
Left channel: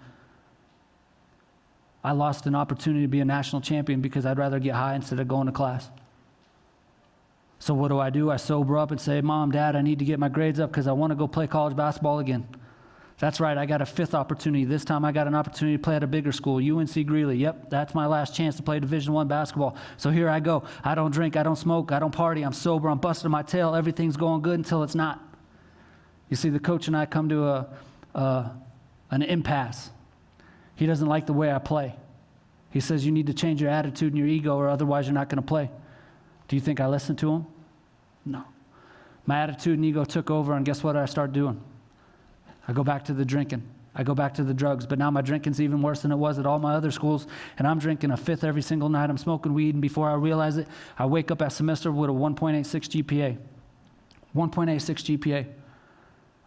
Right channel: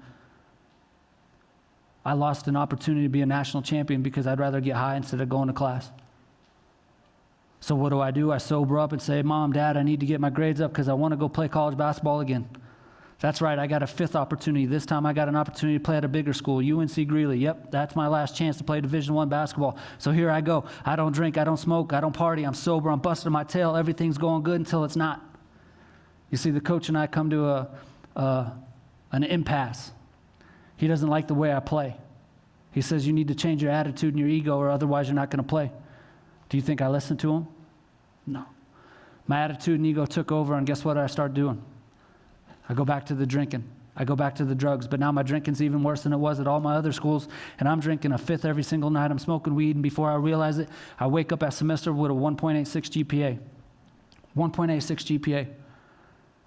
I lost an opportunity to be a national champion because I'd rather get high instead of going to class. So what do? I sober up and say, Mom, Dad, I need to get my grades up because I want to go play college basketball again. That's right, I got a fifth opportunity. This time I got an opportunity to play at a bigger school, UNC Greeley. Yep, that's my last chance to play Division I basketball. So here I go. I don't drink, I don't smoke, I don't party, I'm sober, I'm busting my tail. Everything's going good until it's not. You see, the coach and I come to an impasse. He doesn't like the way I play. He says you need to change your attitude and your ego or otherwise you're not going to play. Do you think I listened to him? No. My attitude and ego took over, and guess what I start doing? I go back to the drinking. I go back to the drugs, but now my drinking's even worse than it was at all my other schools, and I'm drinking a fifth every single night. I'm smoking weed, and before I realize it, I wake up that semester with a 1.86 GPA. 1.86 GPA.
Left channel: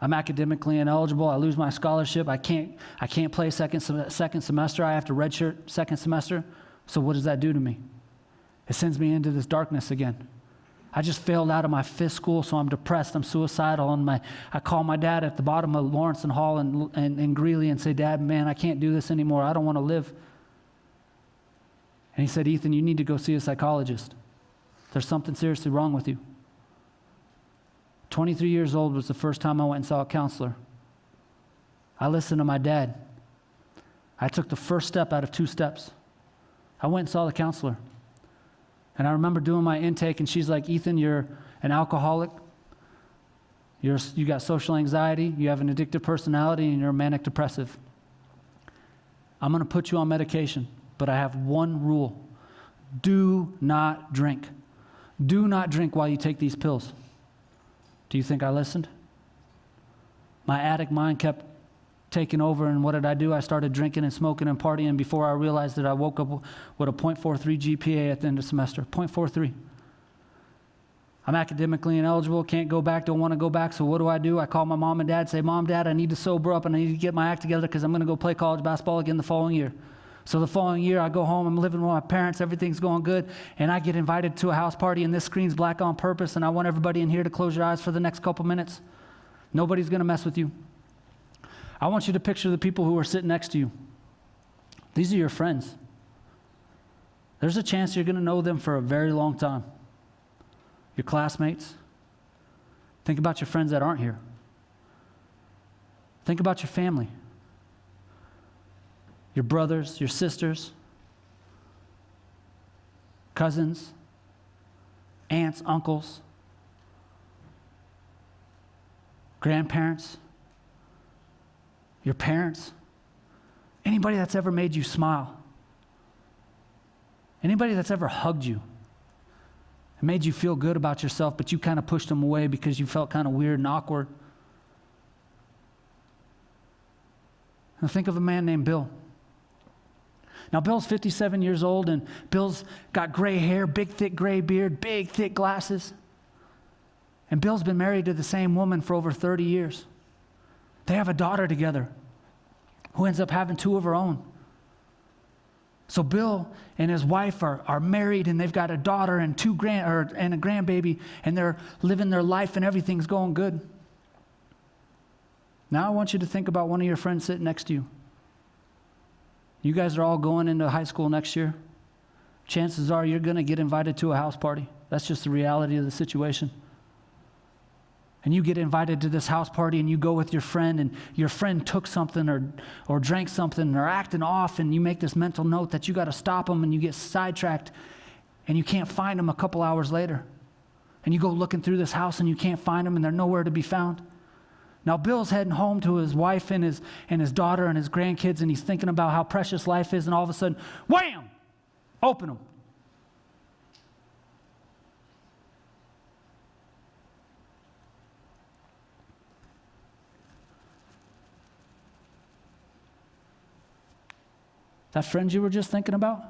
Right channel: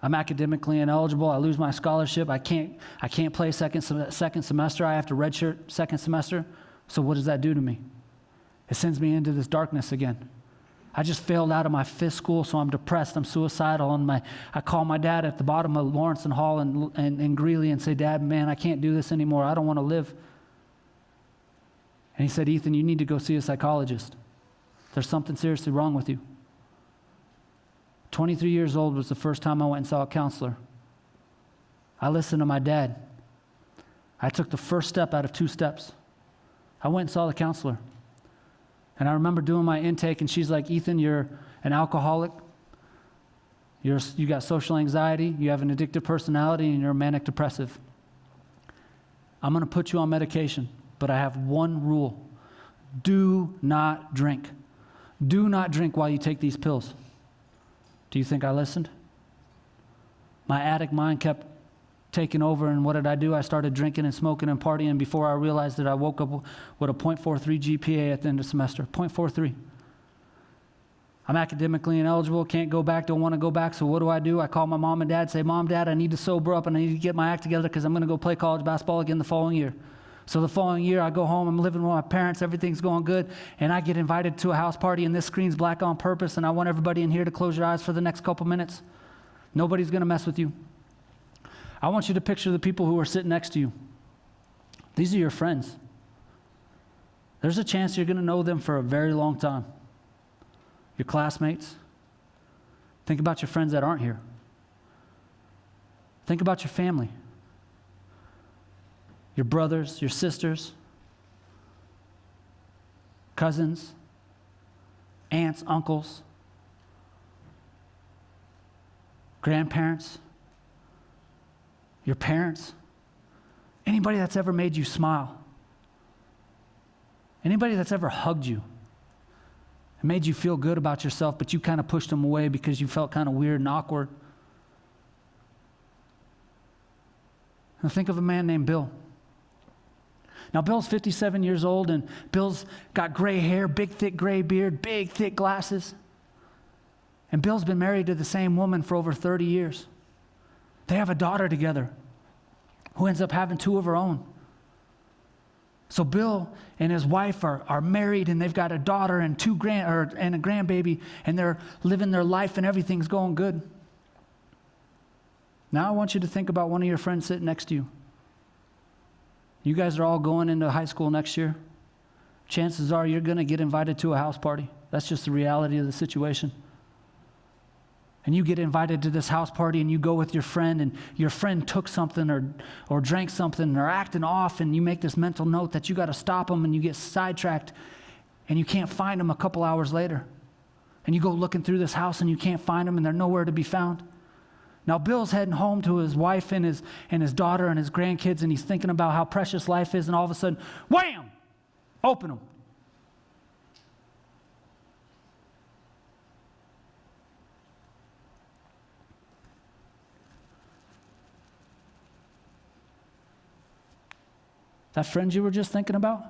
I'm academically ineligible. I lose my scholarship. I can't play second semester. I have to redshirt second semester. So what does that do to me? It sends me into this darkness again. I just failed out of my fifth school, so I'm depressed, I'm suicidal, and I call my dad at the bottom of Lawrence and Hall and Greeley and say, Dad, man, I can't do this anymore. I don't want to live. And he said, Ethan, you need to go see a psychologist. There's something seriously wrong with you. 23 years old was the first time I went and saw a counselor. I listened to my dad. I took the first step out of 2 steps. I went and saw the counselor. And I remember doing my intake, and she's like, Ethan, you're an alcoholic. You got social anxiety. You have an addictive personality, and you're manic depressive. I'm going to put you on medication, but I have one rule. Do not drink. Do not drink while you take these pills. Do you think I listened? My addict mind kept taking over, and what did I do? I started drinking and smoking and partying, and before I realized it, I woke up with a 0.43 GPA at the end of the semester. 0.43. I'm academically ineligible, can't go back, don't want to go back, so what do? I call my mom and dad, say, Mom, Dad, I need to sober up and I need to get my act together because I'm going to go play college basketball again the following year. So the following year, I go home, I'm living with my parents, everything's going good, and I get invited to a house party, and this screen's black on purpose, and I want everybody in here to close your eyes for the next couple minutes. Nobody's going to mess with you. I want you to picture the people who are sitting next to you. These are your friends. There's a chance you're going to know them for a very long time. Your classmates. Think about your friends that aren't here. Think about your family. Your brothers, your sisters, cousins, aunts, uncles, grandparents, your parents, anybody that's ever made you smile, anybody that's ever hugged you and made you feel good about yourself, but you kind of pushed them away because you felt kind of weird and awkward. Now think of a man named Bill. Now Bill's 57 years old, and Bill's got gray hair, big thick gray beard, big thick glasses. And Bill's been married to the same woman for over 30 years. They have a daughter together who ends up having 2 of her own. So Bill and his wife are married, and they've got a daughter and and a grandbaby, and they're living their life and everything's going good. Now I want you to think about one of your friends sitting next to you. You guys are all going into high school next year. Chances are you're going to get invited to a house party. That's just the reality of the situation. And you get invited to this house party, and you go with your friend, and your friend took something or drank something or acting off, and you make this mental note that you got to stop them, and you get sidetracked, and you can't find them a couple hours later. And you go looking through this house, and you can't find them, and they're nowhere to be found. Now Bill's heading home to his wife and his daughter and his grandkids, and he's thinking about how precious life is, and all of a sudden, wham! Open them. That friend you were just thinking about?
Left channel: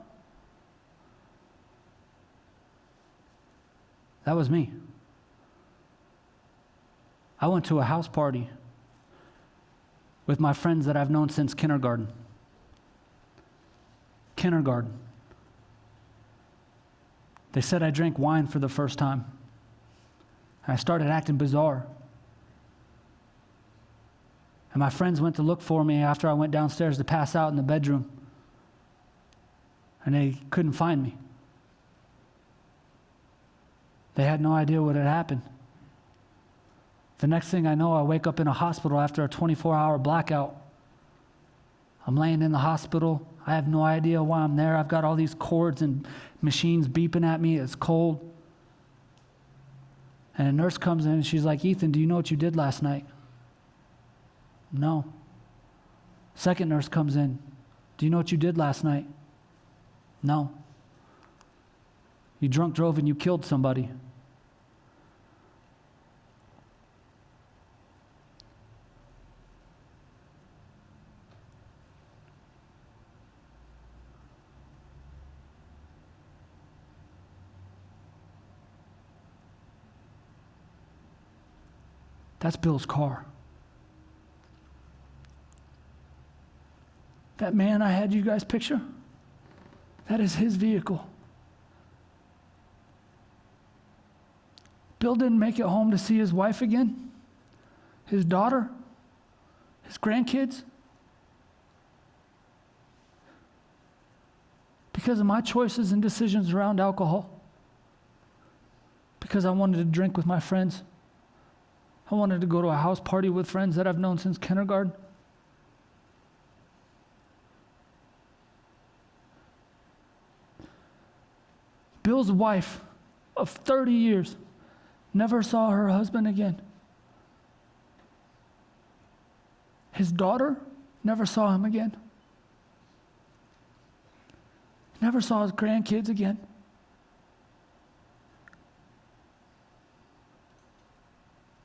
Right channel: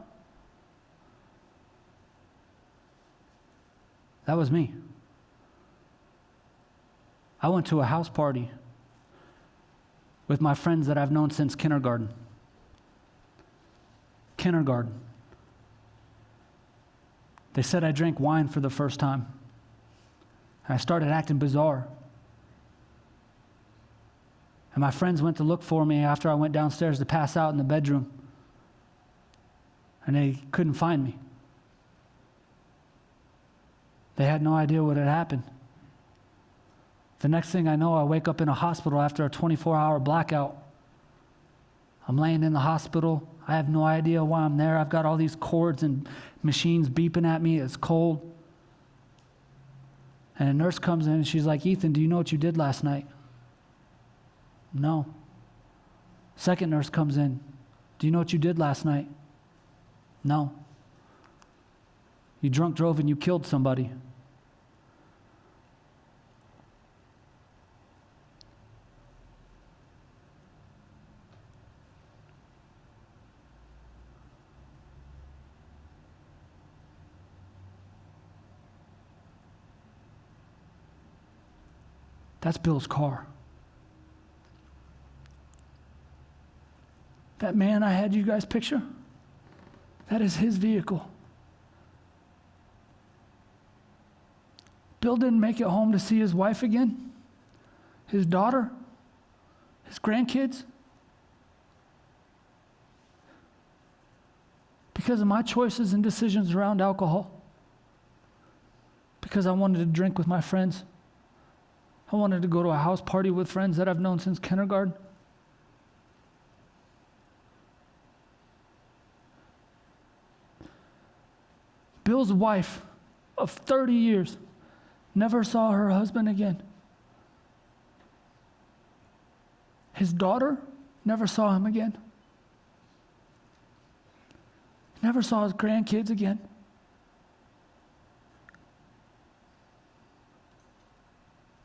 That was me. I went to a house party with my friends that I've known since kindergarten. Kindergarten. They said I drank wine for the first time. And I started acting bizarre. And my friends went to look for me after I went downstairs to pass out in the bedroom. And they couldn't find me. They had no idea what had happened. The next thing I know, I wake up in a hospital after a 24-hour blackout. I'm laying in the hospital. I have no idea why I'm there. I've got all these cords and machines beeping at me. It's cold. And a nurse comes in and she's like, Ethan, do you know what you did last night? No. Second nurse comes in. Do you know what you did last night? No. You drunk drove and you killed somebody. That's Bill's car. That man I had you guys picture, that is his vehicle. Bill didn't make it home to see his wife again, his daughter, his grandkids, because of my choices and decisions around alcohol, because I wanted to drink with my friends. I wanted to go to a house party with friends that I've known since kindergarten. Bill's wife of 30 years never saw her husband again. His daughter never saw him again. Never saw his grandkids again.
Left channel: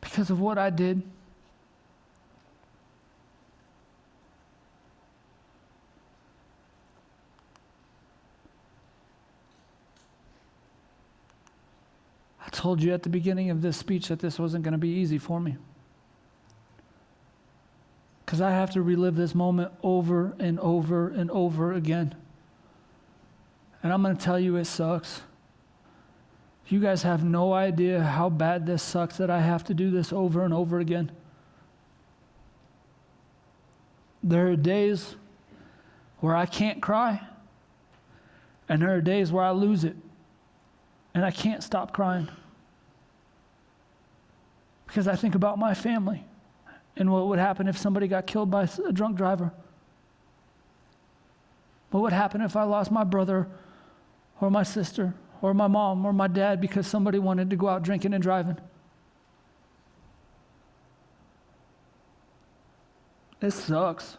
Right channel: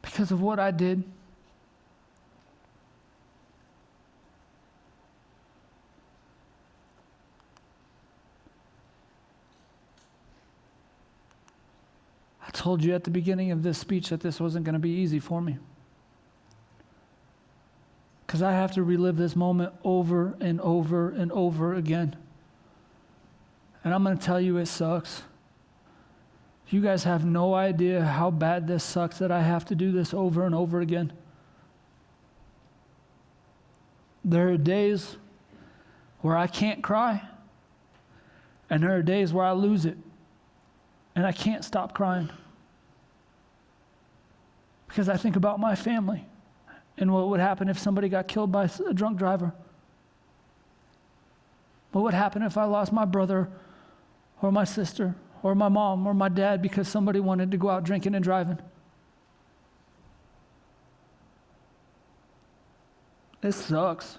Because of what I did. I told you at the beginning of this speech that this wasn't going to be easy for me. Because I have to relive this moment over and over and over again. And I'm going to tell you, it sucks. You guys have no idea how bad this sucks that I have to do this over and over again. There are days where I can't cry, and there are days where I lose it, and I can't stop crying. Because I think about my family and what would happen if somebody got killed by a drunk driver. What would happen if I lost my brother or my sister or my mom or my dad because somebody wanted to go out drinking and driving? It sucks.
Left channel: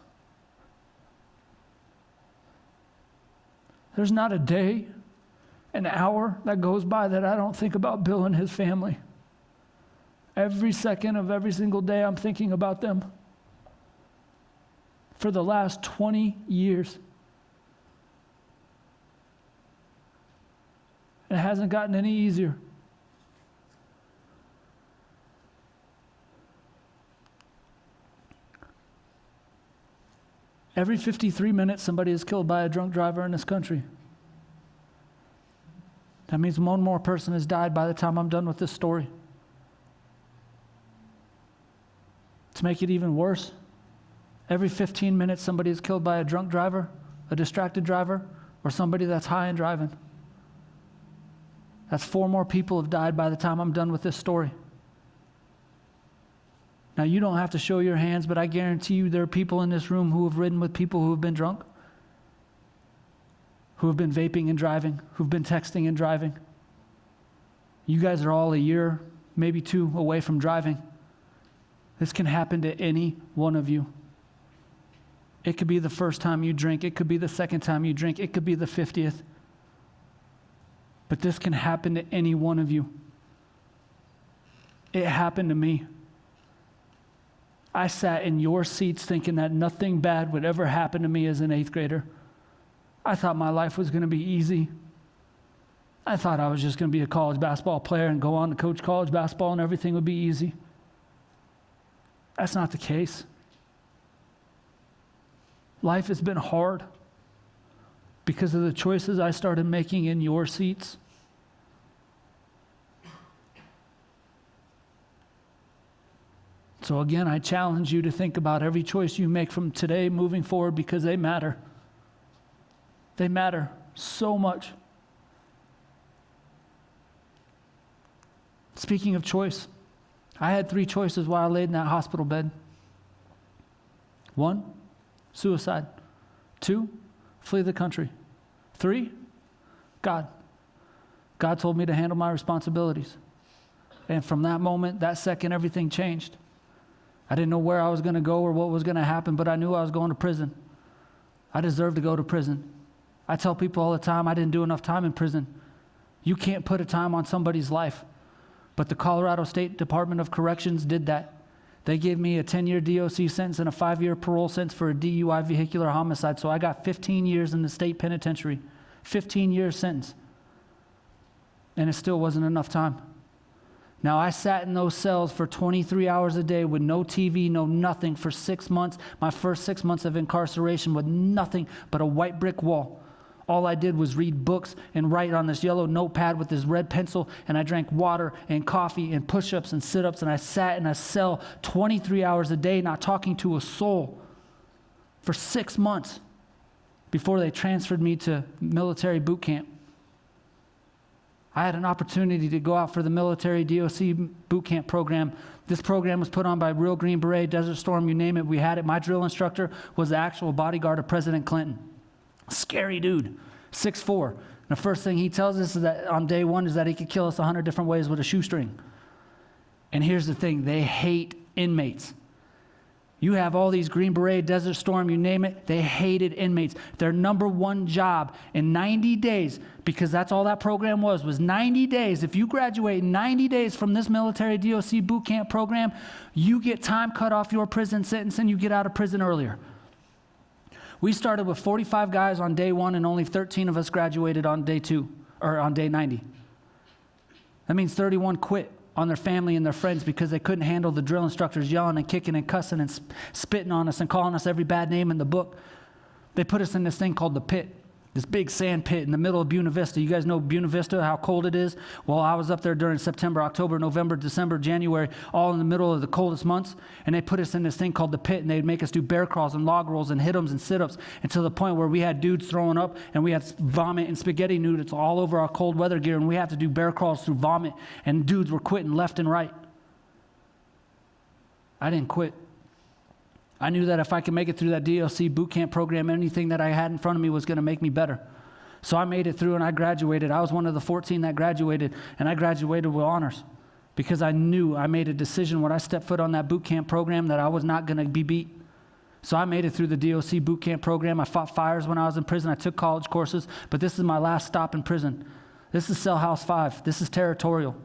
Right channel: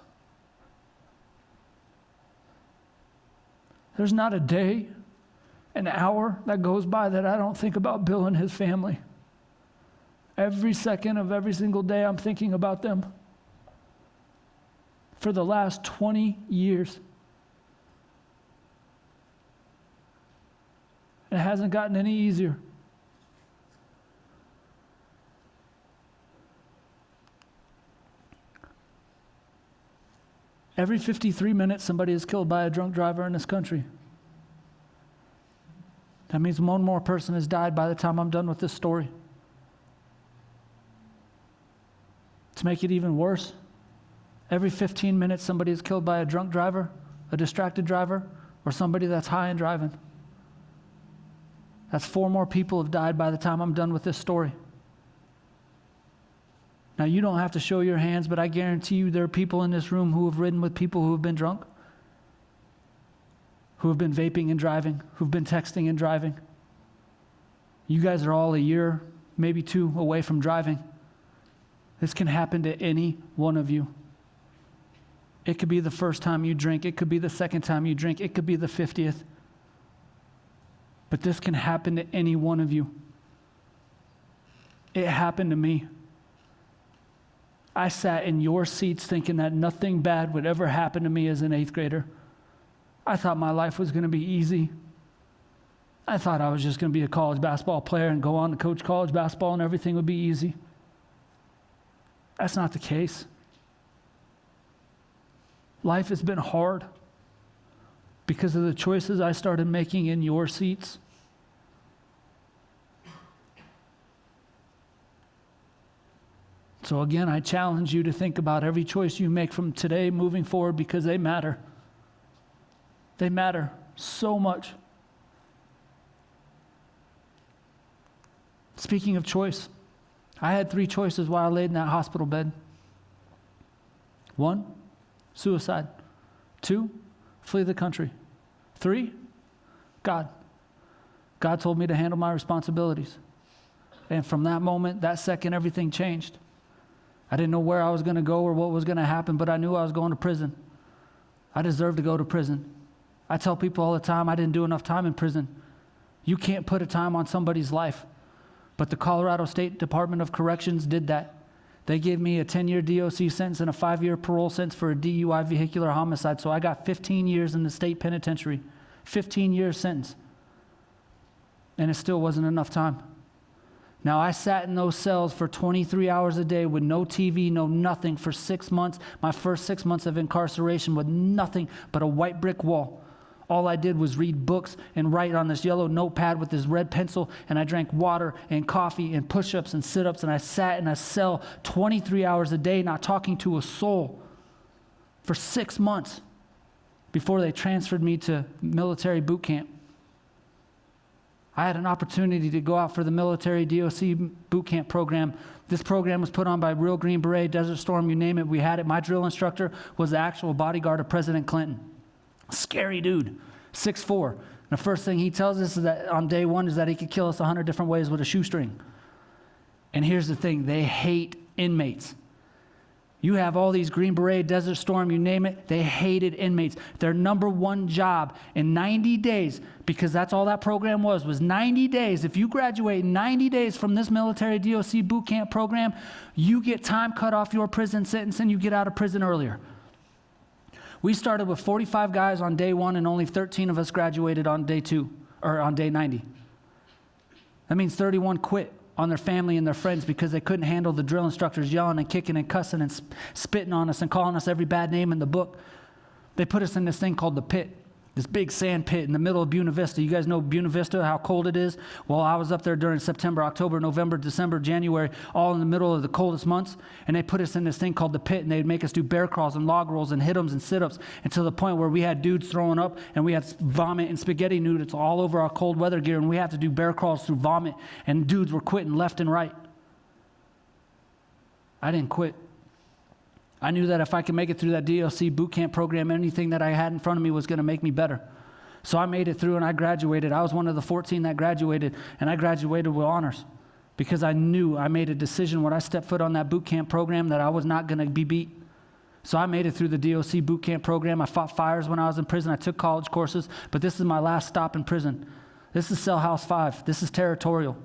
There's not a day, an hour that goes by that I don't think about Bill and his family. Every second of every single day, I'm thinking about them. For the last 20 years. It hasn't gotten any easier. Every 53 minutes, somebody is killed by a drunk driver in this country. That means one more person has died by the time I'm done with this story. To make it even worse, every 15 minutes, somebody is killed by a drunk driver, a distracted driver, or somebody that's high and driving. That's 4 more people have died by the time I'm done with this story. Now, you don't have to show your hands, but I guarantee you there are people in this room who have ridden with people who have been drunk, who have been vaping and driving, who've been texting and driving. You guys are all a year, maybe 2 away from driving. This can happen to any one of you. It could be the first time you drink. It could be the second time you drink. It could be the 50th. But this can happen to any one of you. It happened to me. I sat in your seats thinking that nothing bad would ever happen to me as an 8th grader. I thought my life was going to be easy. I thought I was just going to be a college basketball player and go on to coach college basketball and everything would be easy. That's not the case. Life has been hard because of the choices I started making in your seats. So again, I challenge you to think about every choice you make from today moving forward, because they matter. They matter so much. Speaking of choice, I had 3 choices while I laid in that hospital bed. 1, suicide. 2, flee the country. 3, God. God told me to handle my responsibilities. And from that moment, that second, everything changed. I didn't know where I was going to go or what was going to happen, but I knew I was going to prison. I deserved to go to prison. I tell people all the time, I didn't do enough time in prison. You can't put a time on somebody's life. But the Colorado State Department of Corrections did that. They gave me a 10-year DOC sentence and a 5-year parole sentence for a DUI vehicular homicide. So I got 15 years in the state penitentiary. 15-year sentence. And it still wasn't enough time. Now, I sat in those cells for 23 hours a day with no TV, no nothing for 6 months. My first 6 months of incarceration with nothing but a white brick wall. All I did was read books and write on this yellow notepad with this red pencil, and I drank water and coffee and push-ups and sit-ups, and I sat in a cell 23 hours a day not talking to a soul for 6 months before they transferred me to military boot camp. I had an opportunity to go out for the military DOC boot camp program. This program was put on by Real Green Beret, Desert Storm, you name it, we had it. My drill instructor was the actual bodyguard of President Clinton. Scary dude, 6'4". And the first thing he tells us is that on day 1 is that he could kill us 100 different ways with a shoestring. And here's the thing, they hate inmates. You have all these Green Beret, Desert Storm, you name it, they hated inmates. Their number 1 job in 90 days, because that's all that program was 90 days. If you graduate 90 days from this military DOC boot camp program, you get time cut off your prison sentence and you get out of prison earlier. We started with 45 guys on day 1 and only 13 of us graduated on day 2, or on day 90. That means 31 quit on their family and their friends because they couldn't handle the drill instructors yelling and kicking and cussing and spitting on us and calling us every bad name in the book. They put us in this thing called the pit, this big sand pit in the middle of Buena Vista. You guys know Buena Vista, how cold it is? Well, I was up there during September, October, November, December, January, all in the middle of the coldest months, and they put us in this thing called the pit, and they'd make us do bear crawls and log rolls and hit-ems and sit-ups until the point where we had dudes throwing up, and we had vomit and spaghetti noodles all over our cold weather gear, and we had to do bear crawls through vomit, and dudes were quitting left and right. I didn't quit. I knew that if I could make it through that DOC boot camp program, anything that I had in front of me was going to make me better. So I made it through and I graduated. I was one of the 14 that graduated, and I graduated with honors because I knew I made a decision when I stepped foot on that boot camp program that I was not going to be beat. So I made it through the DOC boot camp program. I fought fires when I was in prison. I took college courses, but this is my last stop in prison. This is Cell House 5. This is territorial.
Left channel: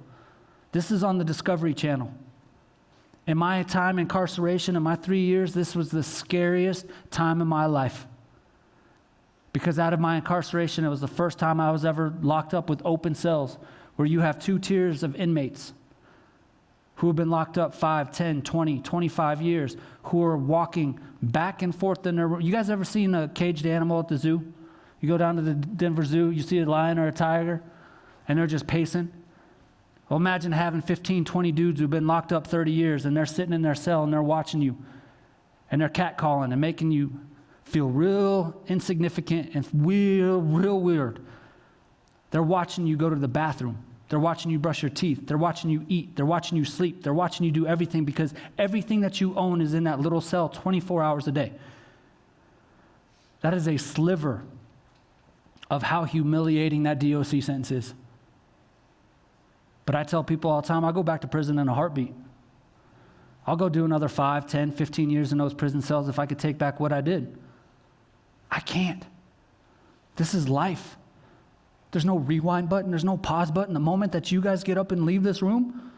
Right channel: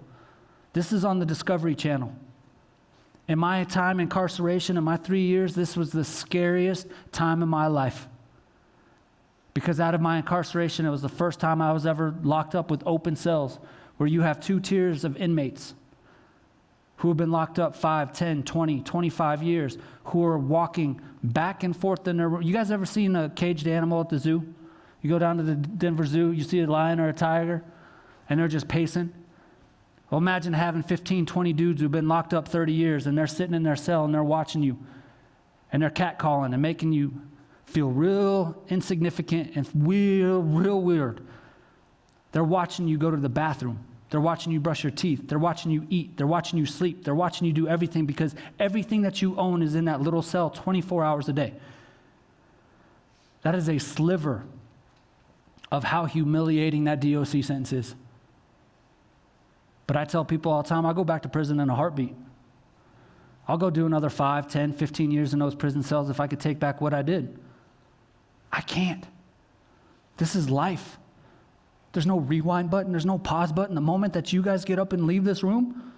This is on the Discovery Channel. In my time incarceration, in my 3 years, this was the scariest time of my life. Because out of my incarceration, it was the first time I was ever locked up with open cells, where you have 2 tiers of inmates who have been locked up 5, 10, 20, 25 years, who are walking back and forth in their room. You guys ever seen a caged animal at the zoo? You go down to the Denver Zoo, you see a lion or a tiger, and they're just pacing. Well, imagine having 15, 20 dudes who've been locked up 30 years, and they're sitting in their cell, and they're watching you, and they're catcalling and making you feel real insignificant and real weird. They're watching you go to the bathroom. They're watching you brush your teeth. They're watching you eat. They're watching you sleep. They're watching you do everything because everything that you own is in that little cell 24 hours a day. That is a sliver of how humiliating that DOC sentence is. But I tell people all the time, I'll go back to prison in a heartbeat. I'll go do another 5, 10, 15 years in those prison cells if I could take back what I did. I can't. This is life. There's no rewind button. There's no pause button. The moment that you guys get up and leave this room,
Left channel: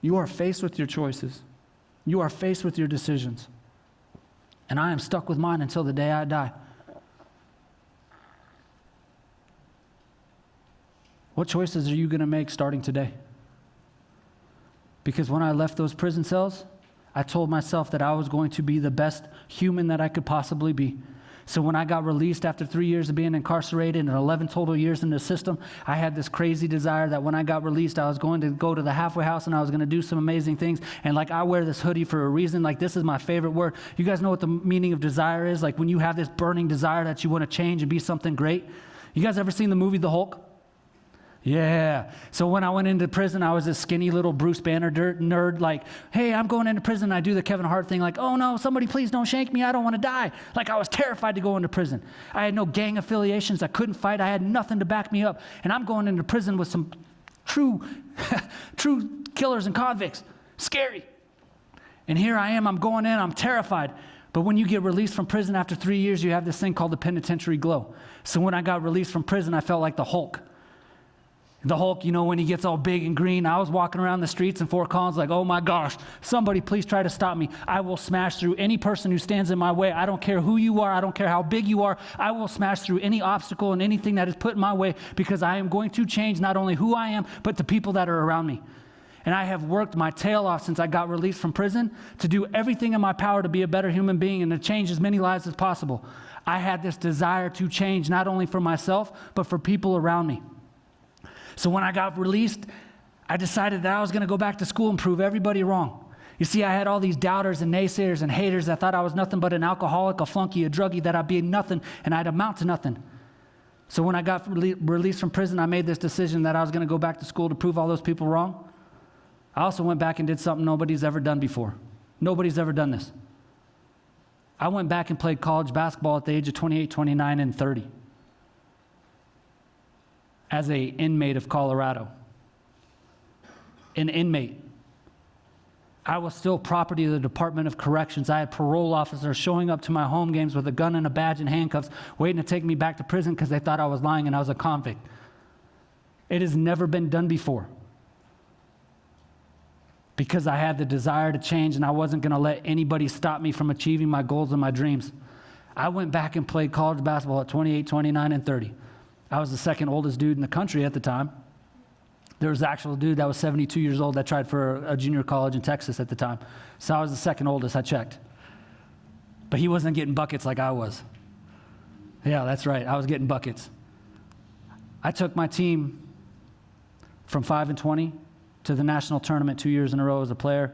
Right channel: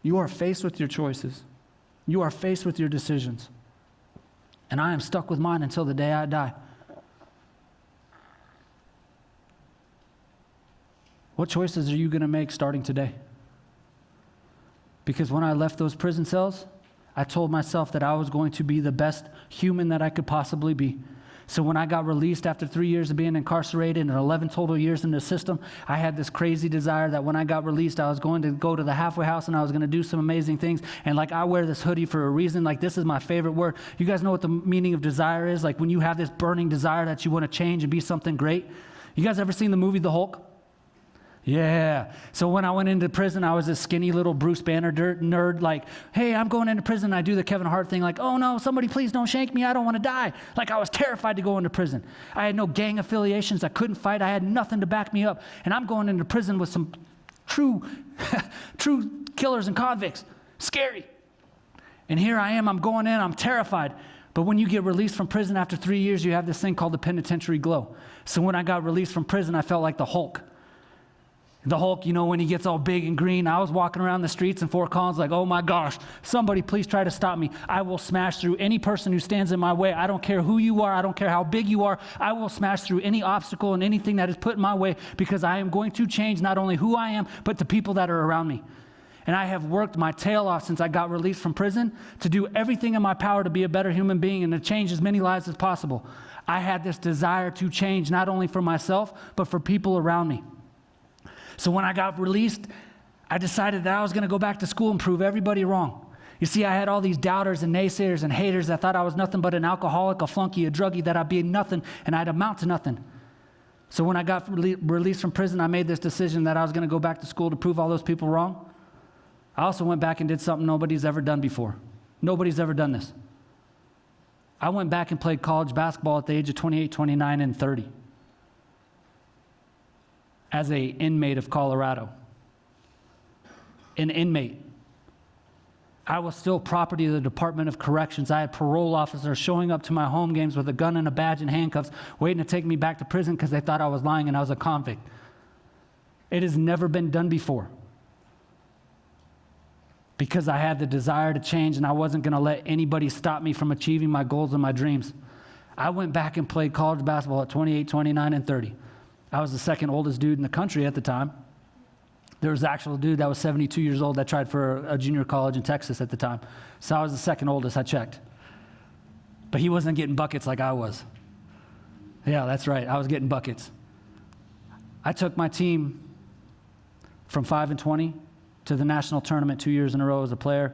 you are faced with your choices. You are faced with your decisions. And I am stuck with mine until the day I die. What choices are you going to make starting today? Because when I left those prison cells, I told myself that I was going to be the best human that I could possibly be. So when I got released after 3 years of being incarcerated and 11 total years in the system, I had this crazy desire that when I got released, I was going to go to the halfway house and I was going to do some amazing things. And like, I wear this hoodie for a reason. Like, this is my favorite word. You guys know what the meaning of desire is? Like, when you have this burning desire that you want to change and be something great. You guys ever seen the movie The Hulk? Yeah. So when I went into prison, I was this skinny little Bruce Banner nerd, like, hey, I'm going into prison. I do the Kevin Hart thing, like, oh no, somebody please don't shank me. I don't want to die. Like, I was terrified to go into prison. I had no gang affiliations. I couldn't fight. I had nothing to back me up. And I'm going into prison with some true killers and convicts. Scary. And here I am. I'm going in. I'm terrified. But when you get released from prison after 3 years, you have this thing called the penitentiary glow. So when I got released from prison, I felt like the Hulk. The Hulk, you know, when he gets all big and green. I was walking around the streets in Fort Collins like, oh my gosh, somebody please try to stop me. I will smash through any person who stands in my way. I don't care who you are. I don't care how big you are. I will smash through any obstacle and anything that is put in my way, because I am going to change not only who I am, but the people that are around me. And I have worked my tail off since I got released from prison to do everything in my power to be a better human being and to change as many lives as possible. I had this desire to change not only for myself, but for people around me. So when I got released, I decided that I was going to go back to school and prove everybody wrong. You see, I had all these doubters and naysayers and haters that thought I was nothing but an alcoholic, a flunky, a druggie, that I'd be nothing and I'd amount to nothing. So when I got released from prison, I made this decision that I was going to go back to school to prove all those people wrong. I also went back and did something nobody's ever done before. Nobody's ever done this. I went back and played college basketball at the age of 28, 29, and 30. As an inmate of Colorado. An inmate. I was still property of the Department of Corrections. I had parole officers showing up to my home games with a gun and a badge and handcuffs, waiting to take me back to prison because they thought I was lying and I was a convict. It has never been done before. Because I had the desire to change and I wasn't going to let anybody stop me from achieving my goals and my dreams. I went back and played college basketball at 28, 29, and 30. I was the second oldest dude in the country at the time. There was an actual dude that was 72 years old that tried for a junior college in Texas at the time. So I was the second oldest, I checked. But he wasn't getting buckets like I was. Yeah, that's right, I was getting buckets. I took my team from 5-20 to the national tournament 2 years in a row as a player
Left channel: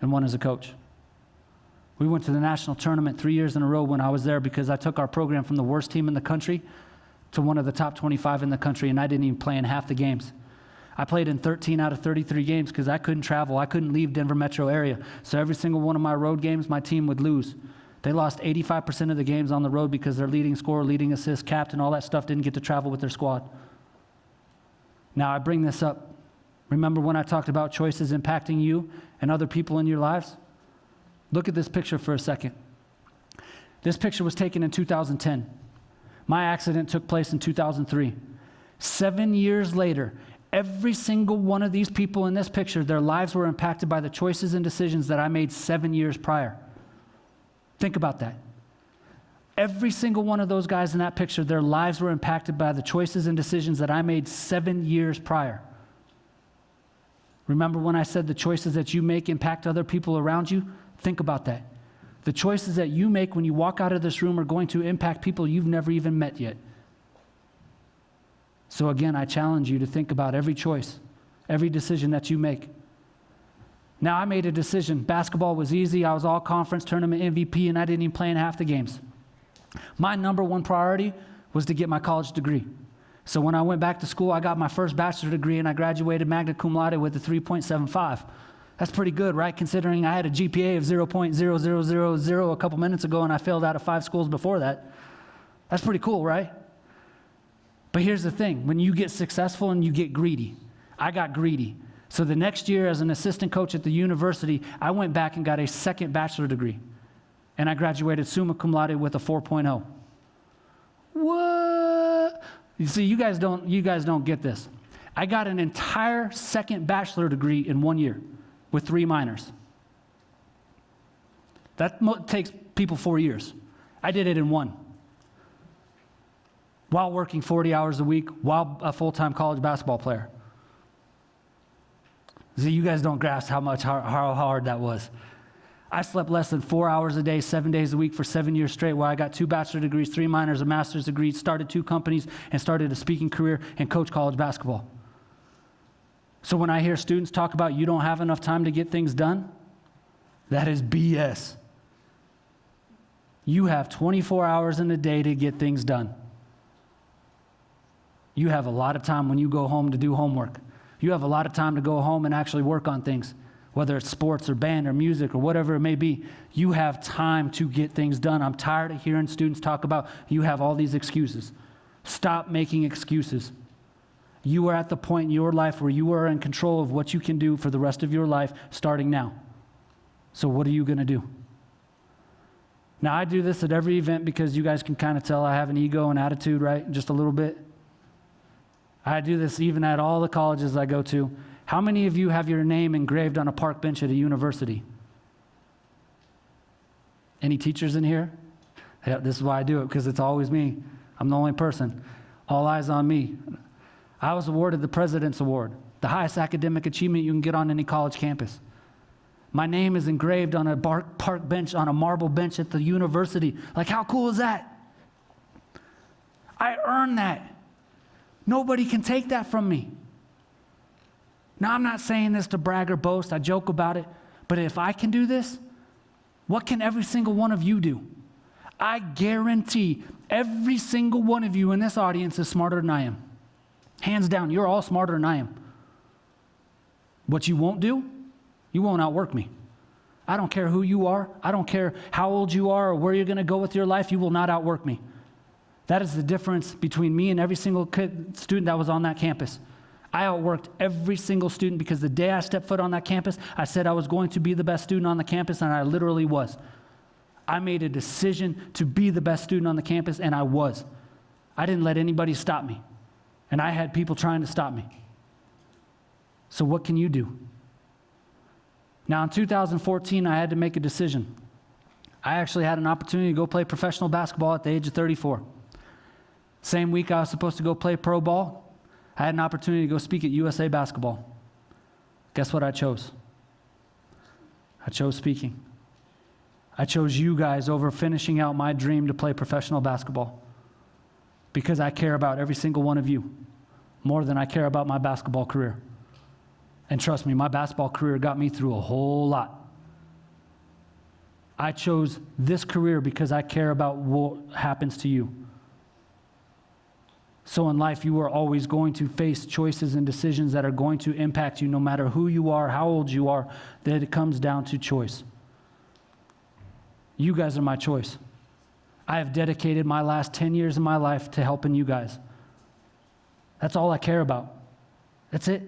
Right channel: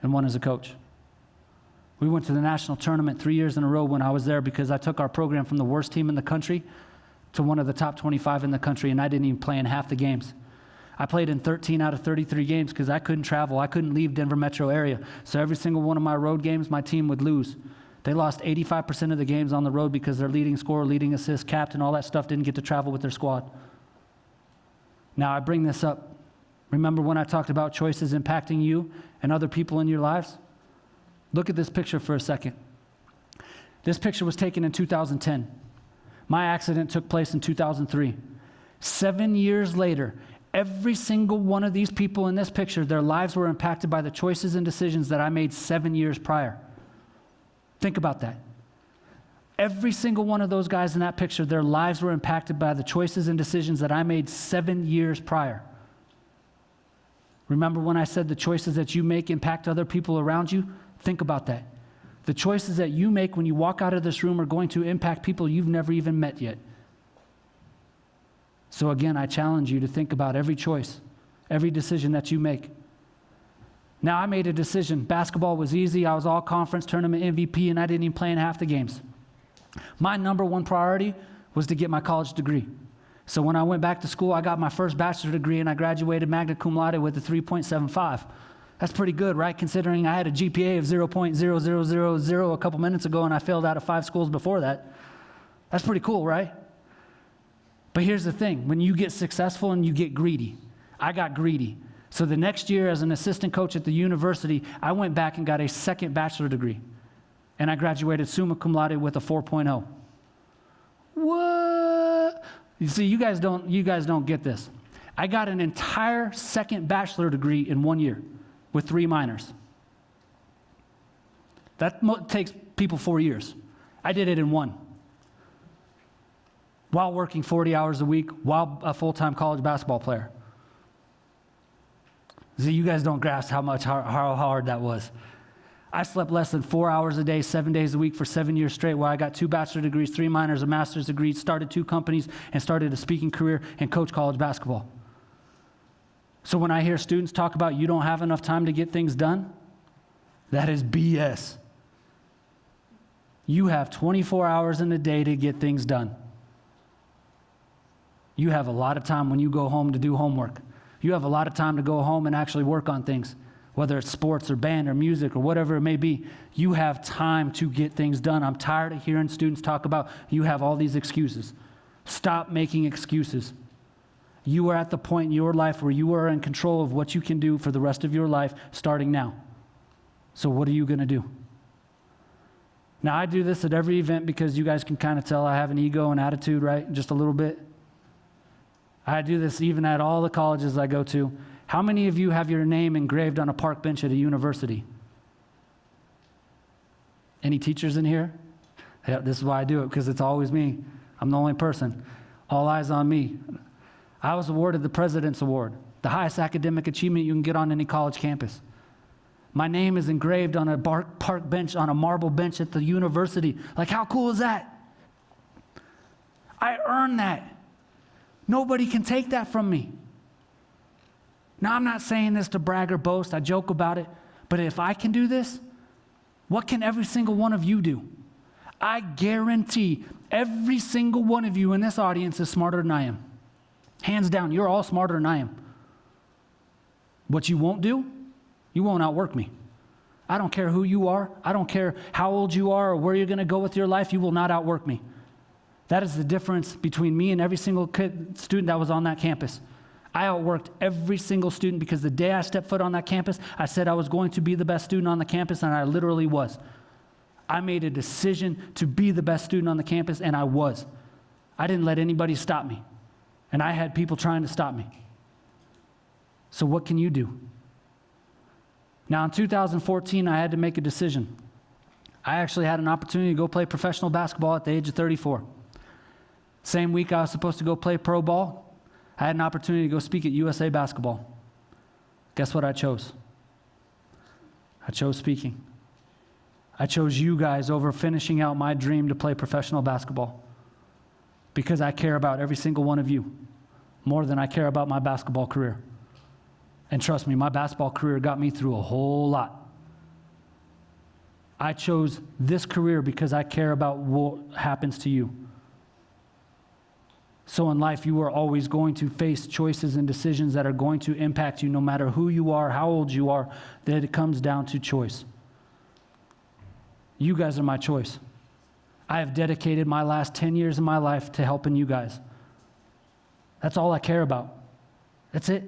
and one as a coach. We went to the national tournament 3 years in a row when I was there because I took our program from the worst team in the country to one of the top 25 in the country, and I didn't even play in half the games. I played in 13 out of 33 games because I couldn't travel. I couldn't leave Denver metro area. So every single one of my road games, my team would lose. They lost 85% of the games on the road because their leading scorer, leading assist, captain, all that stuff didn't get to travel with their squad. Now I bring this up. Remember when I talked about choices impacting you and other people in your lives? Look at this picture for a second. This picture was taken in 2010. My accident took place in 2003. 7 years later, every single one of these people in this picture, their lives were impacted by the choices and decisions that I made 7 years prior. Think about that. Every single one of those guys in that picture, their lives were impacted by the choices and decisions that I made 7 years prior. Remember when I said the choices that you make impact other people around you? Think about that. The choices that you make when you walk out of this room are going to impact people you've never even met yet. So again, I challenge you to think about every choice, every decision that you make. Now, I made a decision. Basketball was easy. I was all conference tournament MVP, and I didn't even play in half the games. My number one priority was to get my college degree. So when I went back to school, I got my first bachelor's degree, and I graduated magna cum laude with a 3.75. That's pretty good, right? Considering I had a GPA of 0.0000 a couple minutes ago, and I failed out of 5 schools before that. That's pretty cool, right? But here's the thing. When you get successful and you get greedy, I got greedy. So the next year as an assistant coach at the university, I went back and got a second bachelor degree. And I graduated summa cum laude with a 4.0. What? You see, you guys don't get this. I got an entire second bachelor degree in 1 year with 3 minors. That takes people 4 years. I did it in 1. while working 40 hours a week, while a full-time college basketball player. See, you guys don't grasp how hard that was. I slept less than 4 hours a day, 7 days a week for 7 years straight, while I got 2 bachelor's degrees, 3 minors, a master's degree, started 2 companies, and started a speaking career and coached college basketball. So when I hear students talk about you don't have enough time to get things done, that is BS. You have 24 hours in a day to get things done. You have a lot of time when you go home to do homework. You have a lot of time to go home and actually work on things, whether it's sports or band or music or whatever it may be. You have time to get things done. I'm tired of hearing students talk about you have all these excuses. Stop making excuses. You are at the point in your life where you are in control of what you can do for the rest of your life starting now. So what are you going to do? Now, I do this at every event because you guys can kind of tell I have an ego and attitude, right? Just a little bit. I do this even at all the colleges I go to. How many of you have your name engraved on a park bench at a university? Any teachers in here? Yeah, this is why I do it, because it's always me. I'm the only person. All eyes on me. I was awarded the President's Award, the highest academic achievement you can get on any college campus. My name is engraved on a park bench, on a marble bench at the university. Like, how cool is that? I earned that. Nobody can take that from me. Now, I'm not saying this to brag or boast. I joke about it. But if I can do this, what can every single one of you do? I guarantee every single one of you in this audience is smarter than I am. Hands down, you're all smarter than I am. What you won't do, you won't outwork me. I don't care who you are. I don't care how old you are or where you're going to go with your life. You will not outwork me. That is the difference between me and every single student that was on that campus. I outworked every single student because the day I stepped foot on that campus, I said I was going to be the best student on the campus, and I literally was. I made a decision to be the best student on the campus, and I was. I didn't let anybody stop me, and I had people trying to stop me. So what can you do? Now, in 2014, I had to make a decision. I actually had an opportunity to go play professional basketball at the age of 34. Same week I was supposed to go play pro ball, I had an opportunity to go speak at USA Basketball. Guess what I chose? I chose speaking. I chose you guys over finishing out my dream to play professional basketball because I care about every single one of you more than I care about my basketball career. And trust me, my basketball career got me through a whole lot. I chose this career because I care about what happens to you. So in life, you are always going to face choices and decisions that are going to impact you no matter who you are, how old you are, that it comes down to choice. You guys are my choice. I have dedicated my last 10 years of my life to helping you guys. That's all I care about. That's it.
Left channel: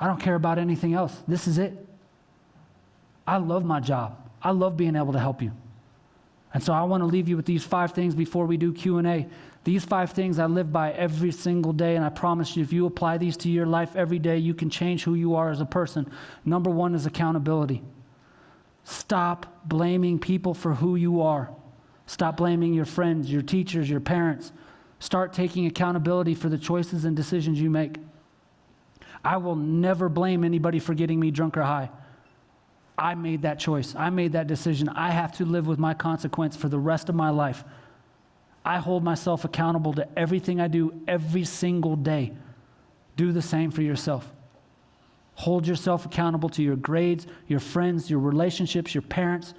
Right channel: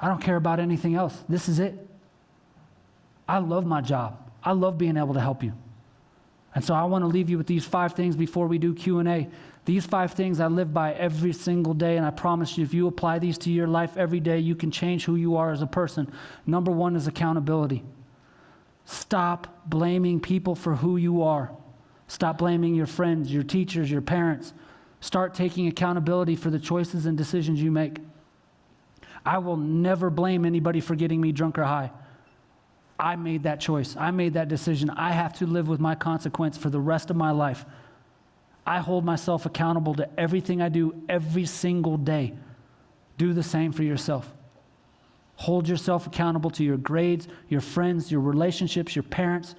I don't care about anything else. This is it. I love my job. I love being able to help you. And so I want to leave you with these 5 things before we do Q&A. These 5 things I live by every single day, and I promise you, if you apply these to your life every day, you can change who you are as a person. Number 1 is accountability. Stop blaming people for who you are. Stop blaming your friends, your teachers, your parents. Start taking accountability for the choices and decisions you make. I will never blame anybody for getting me drunk or high. I made that choice. I made that decision. I have to live with my consequence for the rest of my life. I hold myself accountable to everything I do every single day. Do the same for yourself. Hold yourself accountable to your grades, your friends, your relationships, your parents,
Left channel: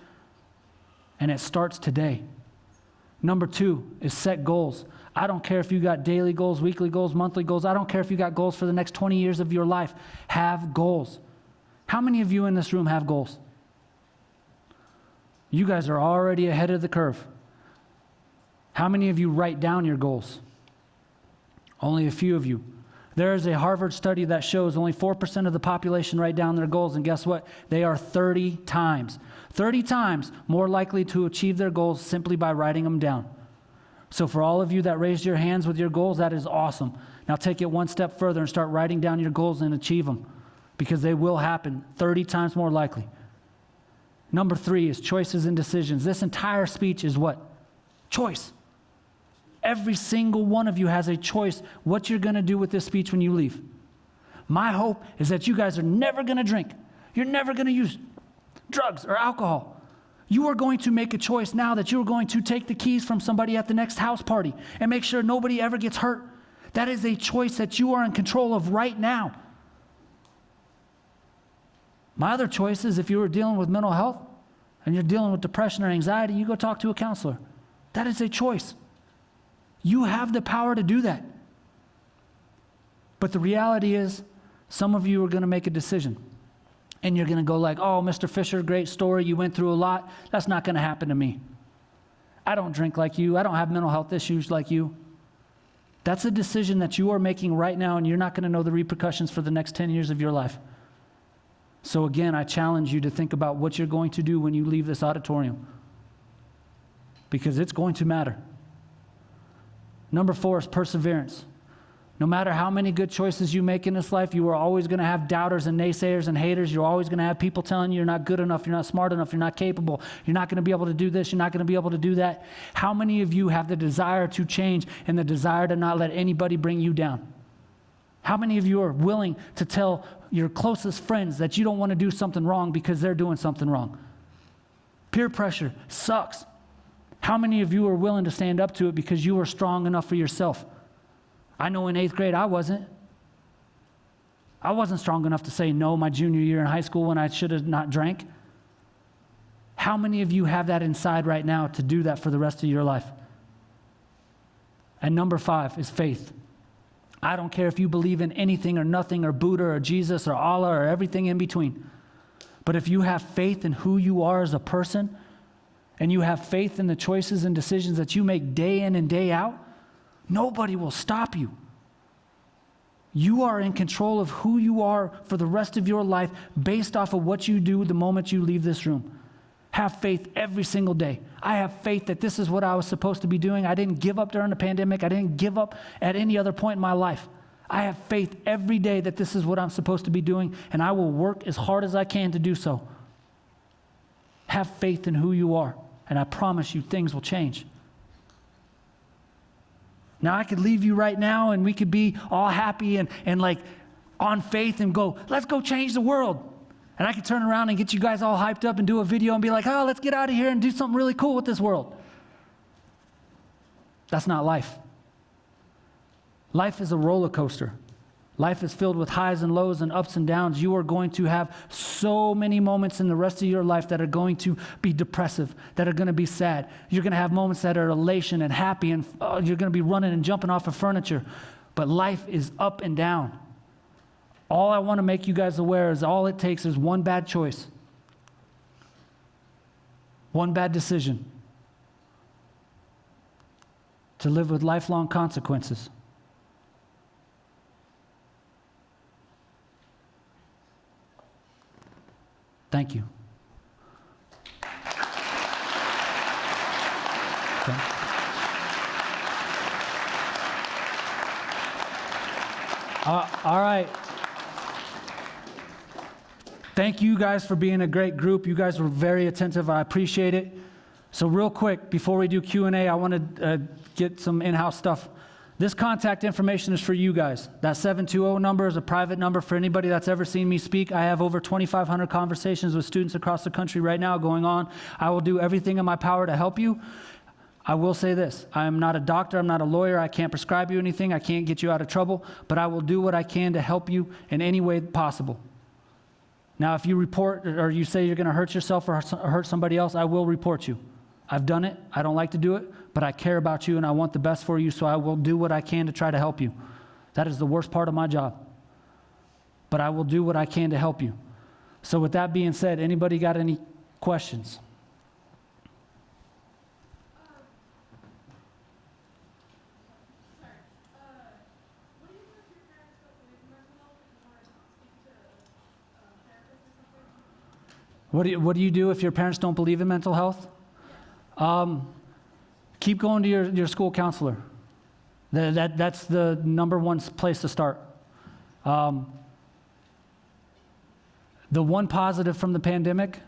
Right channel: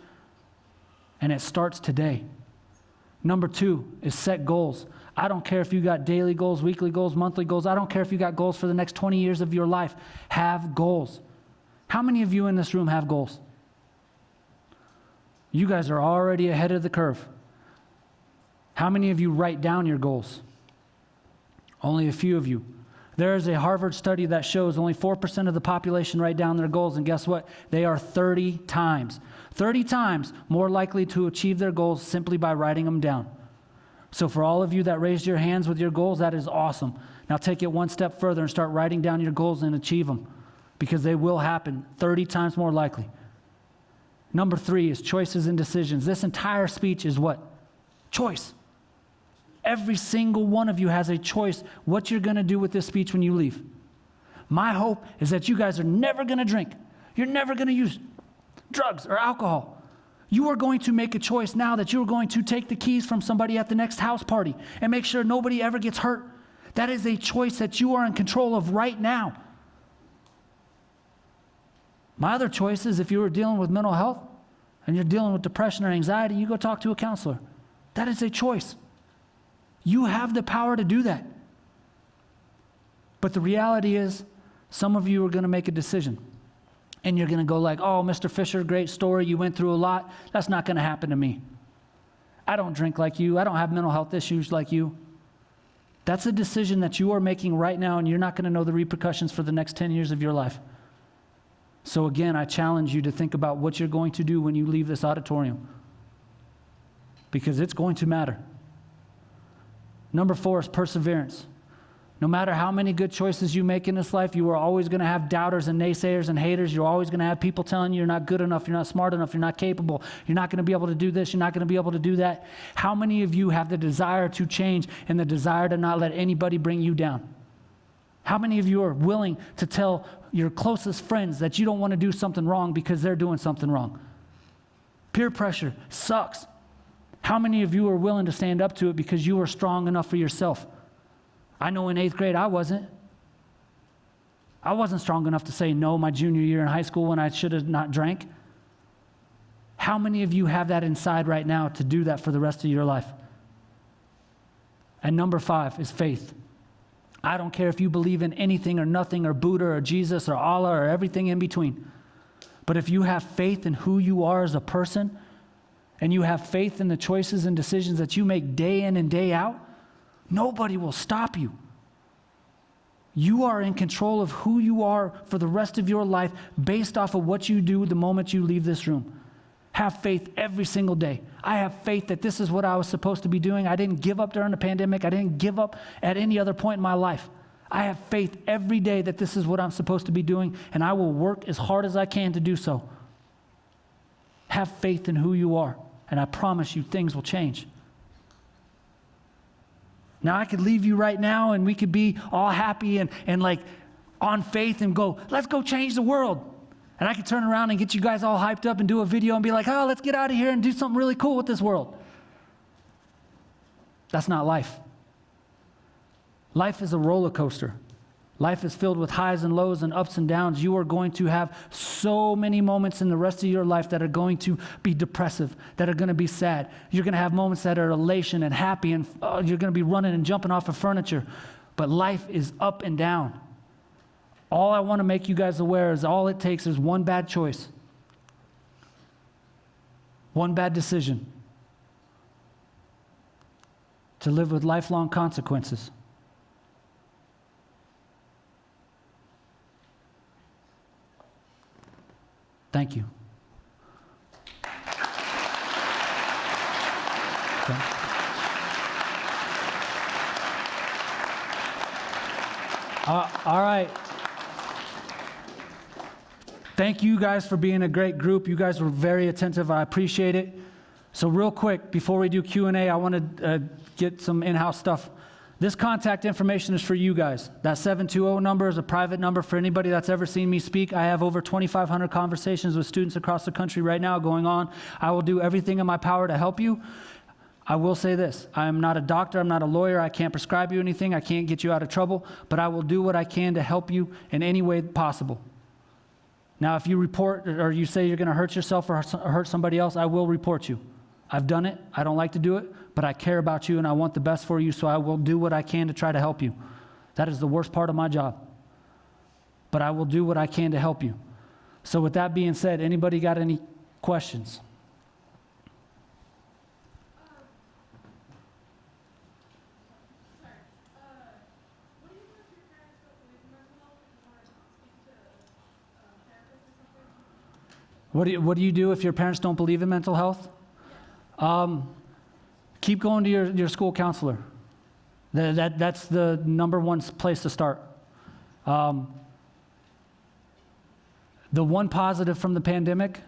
and it starts today. Number 2 is set goals. I don't care if you got daily goals, weekly goals, monthly goals. I don't care if you got goals for the next 20 years of your life. Have goals. How many of you in this room have goals? You guys are already ahead of the curve. How many of you write down your goals? Only a few of you. There is a Harvard study that shows only 4% of the population write down their goals, and guess what? They are 30 times more likely to achieve their goals simply by writing them down. So for all of you that raised your hands with your goals, that is awesome. Now take it one step further and start writing down your goals and achieve them, because they will happen 30 times more likely. Number 3 is choices and decisions. This entire speech is what? Choice. Every single one of you has a choice what you're going to do with this speech when you leave. My hope is that you guys are never going to drink. You're never going to use drugs or alcohol. You are going to make a choice now that you're going to take the keys from somebody at the next house party and make sure nobody ever gets hurt. That is a choice that you are in control of right now. My other choice is if you are dealing with mental health and you're dealing with depression or anxiety, you go talk to a counselor. That is a choice. You have the power to do that. But the reality is, some of you are going to make a decision. And you're going to go like, oh, Mr. Fisher, great story. You went through a lot. That's not going to happen to me. I don't drink like you. I don't have mental health issues like you. That's a decision that you are making right now, and you're not going to know the repercussions for the next 10 years of your life. So again, I challenge you to think about what you're going to do when you leave this auditorium, because it's going to matter. Number 4 is perseverance. No matter how many good choices you make in this life, you are always going to have doubters and naysayers and haters. You're always going to have people telling you you're not good enough, you're not smart enough, you're not capable, you're not going to be able to do this, you're not going to be able to do that. How many of you have the desire to change and the desire to not let anybody bring you down? How many of you are willing to tell your closest friends that you don't want to do something wrong because they're doing something wrong? Peer pressure sucks. How many of you are willing to stand up to it because you are strong enough for yourself? I know in 8th grade I wasn't. I wasn't strong enough to say no my junior year in high school when I should have not drank. How many of you have that inside right now to do that for the rest of your life? And number 5 is faith. I don't care if you believe in anything or nothing or Buddha or Jesus or Allah or everything in between. But if you have faith in who you are as a person, and you have faith in the choices and decisions that you make day in and day out, nobody will stop you. You are in control of who you are for the rest of your life based off of what you do the moment you leave this room. Have faith every single day. I have faith that this is what I was supposed to be doing. I didn't give up during the pandemic. I didn't give up at any other point in my life. I have faith every day that this is what I'm supposed to be doing, and I will work as hard as I can to do so. Have faith in who you are, and I promise you things will change. Now, I could leave you right now and we could be all happy and like on faith and go, let's go change the world. And I could turn around and get you guys all hyped up and do a video and be like, oh, let's get out of here and do something really cool with this world. That's not life. Life is a roller coaster. Life is filled with highs and lows and ups and downs. You are going to have so many moments in the rest of your life that are going to be depressive, that are going to be sad. You're going to have moments that are elation and happy, and you're going to be running and jumping off of furniture. But life is up and down. All I want to make you guys aware is all it takes is one bad choice, one bad decision to live with lifelong consequences. Thank you. All right. Thank you guys for being a great group. You guys were very attentive. I appreciate it. So real quick, before we do Q&A, I want to get some in-house stuff. This contact information is for you guys. That 720 number is a private number for anybody that's ever seen me speak. I have over 2,500 conversations with students across the country right now going on. I will do everything in my power to help you. I will say this, I am not a doctor, I'm not a lawyer, I can't prescribe you anything, I can't get you out of trouble, but I will do what I can to help you in any way possible. Now, if you report or you say you're going to hurt yourself or hurt somebody else, I will report you. I've done it, I don't like to do it, but I care about you and I want the best for you, so I will do what I can to try to help you. That is the worst part of my job. But I will do what I can to help you. So with that being said, anybody got any questions? What do you do if your parents don't believe in mental health? Keep going to your school counselor. That's the number one place to start. The one positive from the pandemic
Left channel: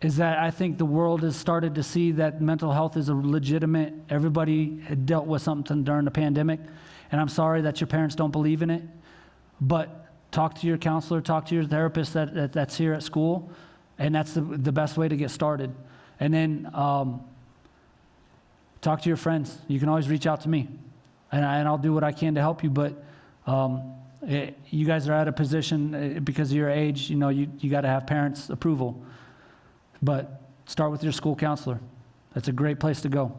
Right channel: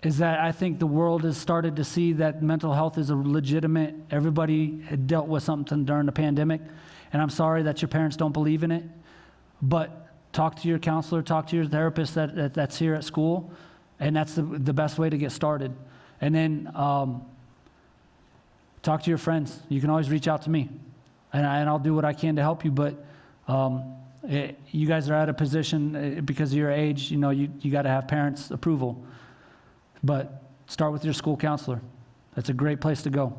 is that I think the world has started to see that mental health is a legitimate, everybody had dealt with something during the pandemic, and I'm sorry that your parents don't believe in it, but talk to your counselor, talk to your therapist that's here at school, and that's the best way to get started. And then talk to your friends. You can always reach out to me, and I'll do what I can to help you, but you guys are at a position, because of your age, you got to have parents' approval. But start with your school counselor. That's a great place to go.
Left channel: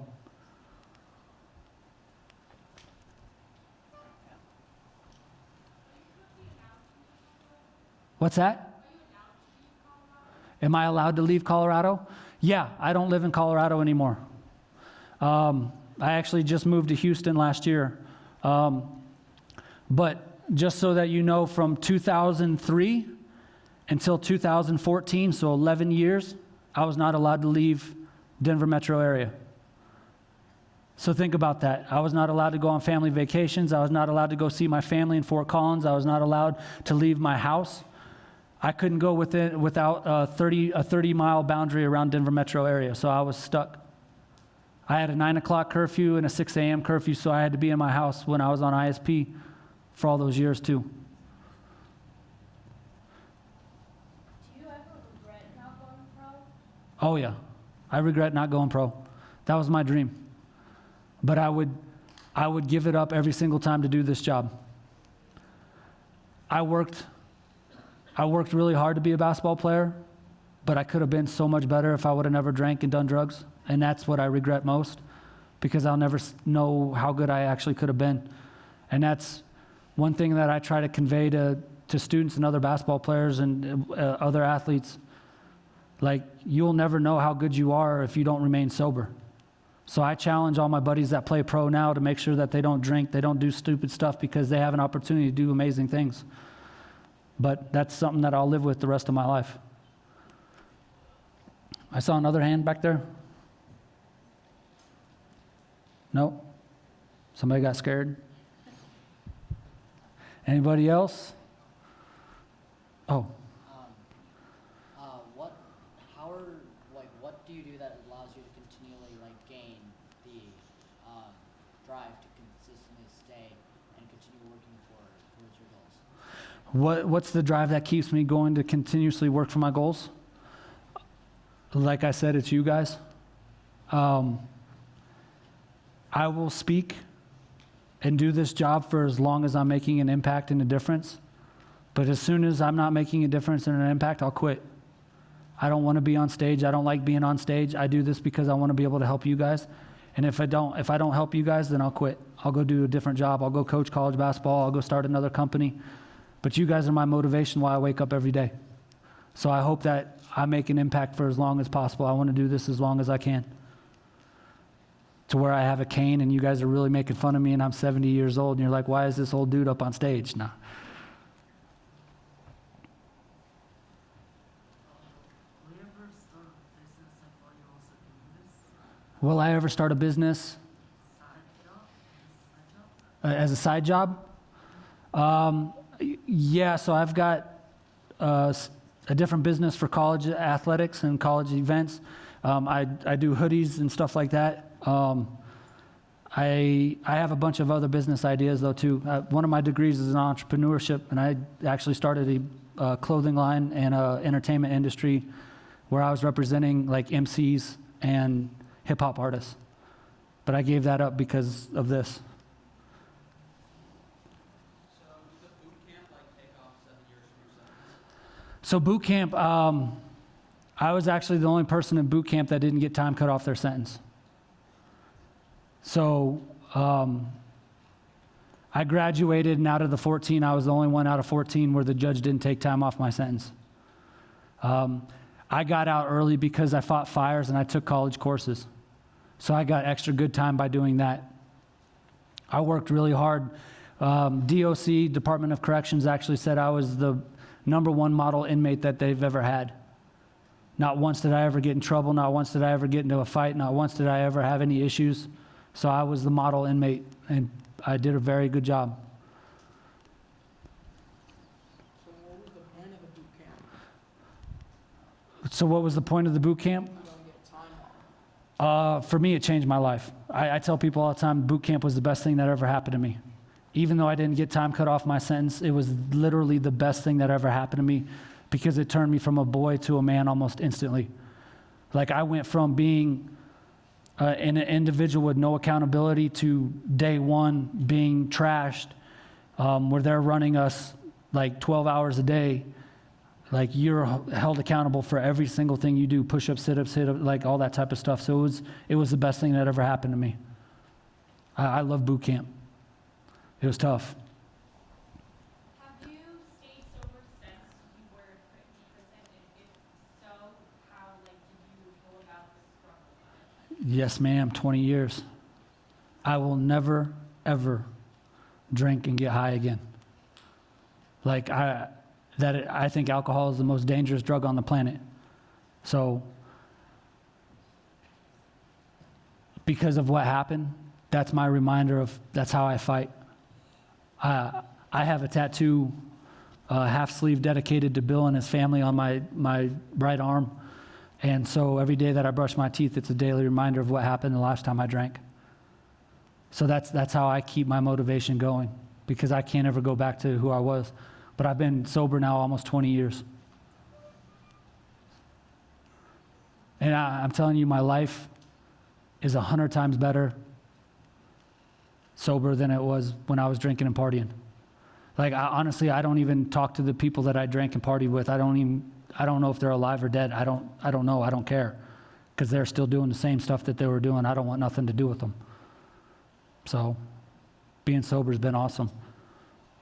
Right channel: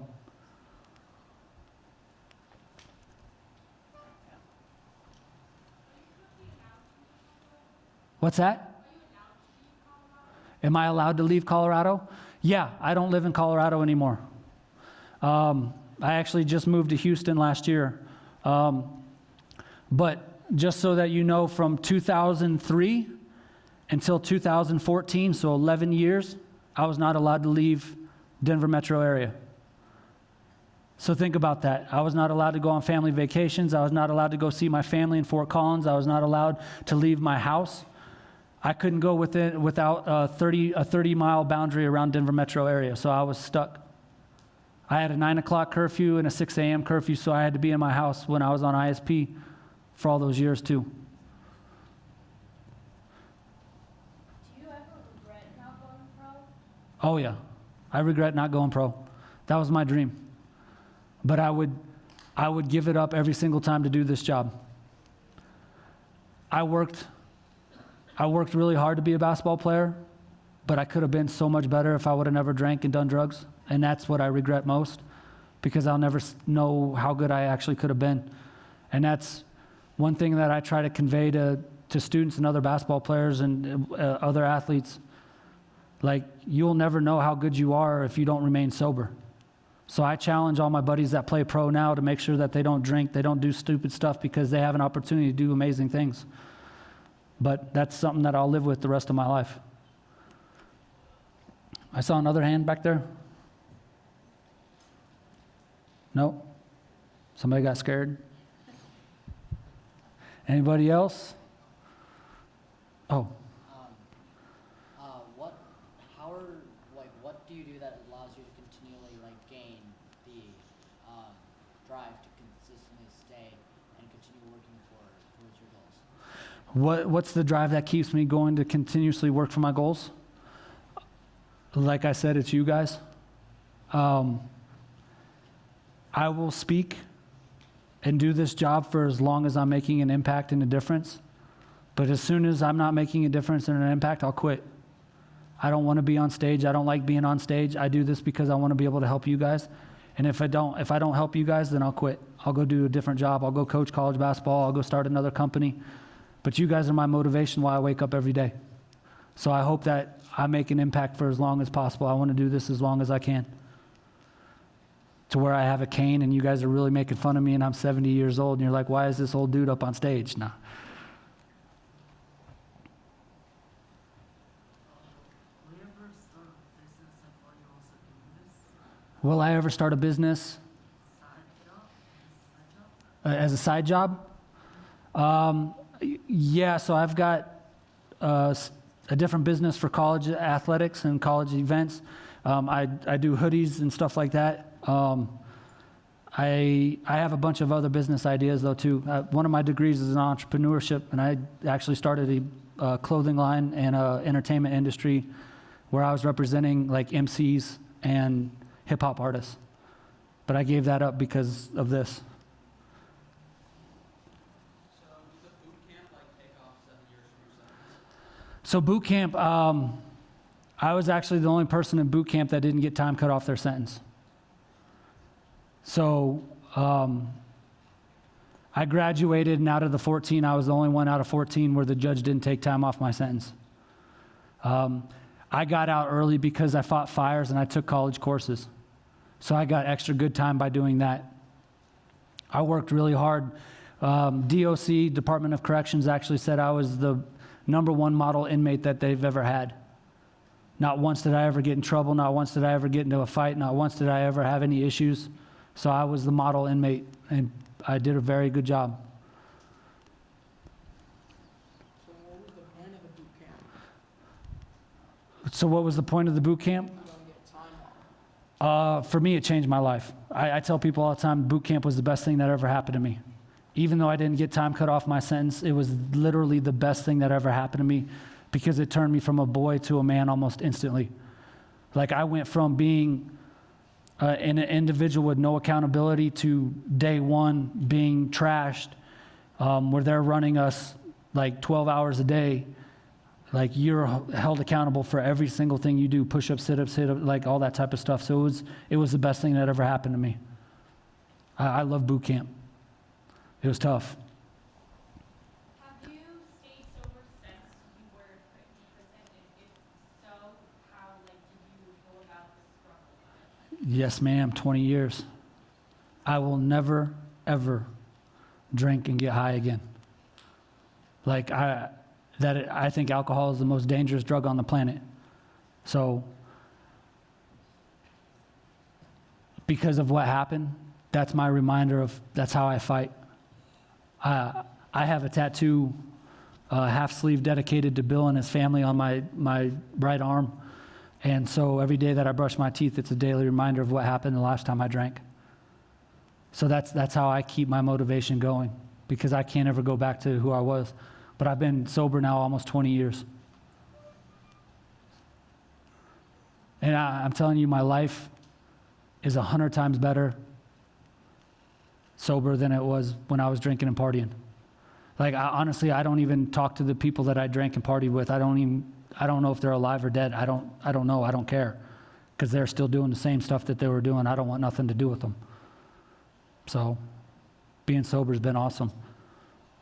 What's that? Am I allowed to leave Colorado? Yeah, I don't live in Colorado anymore. I actually just moved to Houston last year. But just so that you know, from 2003 until 2014, so 11 years, I was not allowed to leave Denver metro area. So think about that. I was not allowed to go on family vacations. I was not allowed to go see my family in Fort Collins. I was not allowed to leave my house. I couldn't go without a 30-mile boundary around Denver metro area, so I was stuck. I had a 9 o'clock curfew and a 6 a.m. curfew, so I had to be in my house when I was on ISP for all those years too. Oh yeah, I regret not going pro. That was my dream. But I would give it up every single time to do this job. I worked really hard to be a basketball player, but I could have been so much better if I would have never drank and done drugs. And that's what I regret most, because I'll never know how good I actually could have been. And that's one thing that I try to convey to students and other basketball players and other athletes. Like, you'll never know how good you are if you don't remain sober. So I challenge all my buddies that play pro now to make sure that they don't drink, they don't do stupid stuff, because they have an opportunity to do amazing things. But that's something that I'll live with the rest of my life. I saw another hand back there. No? Somebody got scared? Anybody else? Oh. What do you do that allows you to continually gain the drive to consistently stay and continue working towards your goals? What's the drive that keeps me going to continuously work for my goals? Like I said, it's you guys. I will speak and do this job for as long as I'm making an impact and a difference. But as soon as I'm not making a difference and an impact, I'll quit. I don't want to be on stage. I don't like being on stage. I do this because I want to be able to help you guys. And if I don't help you guys, then I'll quit. I'll go do a different job. I'll go coach college basketball. I'll go start another company. But you guys are my motivation while I wake up every day. So I hope that I make an impact for as long as possible. I want to do this as long as I can. To where I have a cane and you guys are really making fun of me and I'm 70 years old and you're like, why is this old dude up on stage? Nah. Will I ever start a business as a side job? Yeah, so I've got a different business for college athletics and college events. I do hoodies and stuff like that. I have a bunch of other business ideas though too. One of my degrees is in entrepreneurship, and I actually started a clothing line and a entertainment industry where I was representing like MCs and hip hop artists. But I gave that up because of this. So boot camp, I was actually the only person in boot camp that didn't get time cut off their sentence. So I graduated, and out of the 14, I was the only one out of 14 where the judge didn't take time off my sentence. I got out early because I fought fires and I took college courses. So I got extra good time by doing that. I worked really hard. DOC, Department of Corrections, actually said I was the #1 model inmate that they've ever had. Not once did I ever get in trouble. Not once did I ever get into a fight. Not once did I ever have any issues. So I was the model inmate, and I did a very good job. So what was the point of the boot camp? So what was the point of the boot camp? You don't get time off. For me, it changed my life. I tell people all the time, boot camp was the best thing that ever happened to me. Even though I didn't get time cut off my sentence, it was literally the best thing that ever happened to me because it turned me from a boy to a man almost instantly. Like I went from being an individual with no accountability to day one being trashed, where they're running us like 12 hours a day. Like you're held accountable for every single thing you do, push-ups, sit-ups, like all that type of stuff. So it was the best thing that ever happened to me. I love boot camp. It was tough. Have you stayed sober since you were in prison? And if so, how did you go about this struggle? Yes, ma'am, 20 years. I will never, ever drink and get high again. Like I think alcohol is the most dangerous drug on the planet. So because of what happened, that's my reminder of that's how I fight. I have a tattoo, half sleeve dedicated to Bill and his family on my right arm. And so every day that I brush my teeth, it's a daily reminder of what happened the last time I drank. So that's how I keep my motivation going, because I can't ever go back to who I was. But I've been sober now almost 20 years. And I'm telling you, my life is 100 times better sober than it was when I was drinking and partying. Like, honestly, I don't even talk to the people that I drank and partied with. I don't know if they're alive or dead. I don't know. I don't care. Because they're still doing the same stuff that they were doing. I don't want nothing to do with them. So, being sober has been awesome.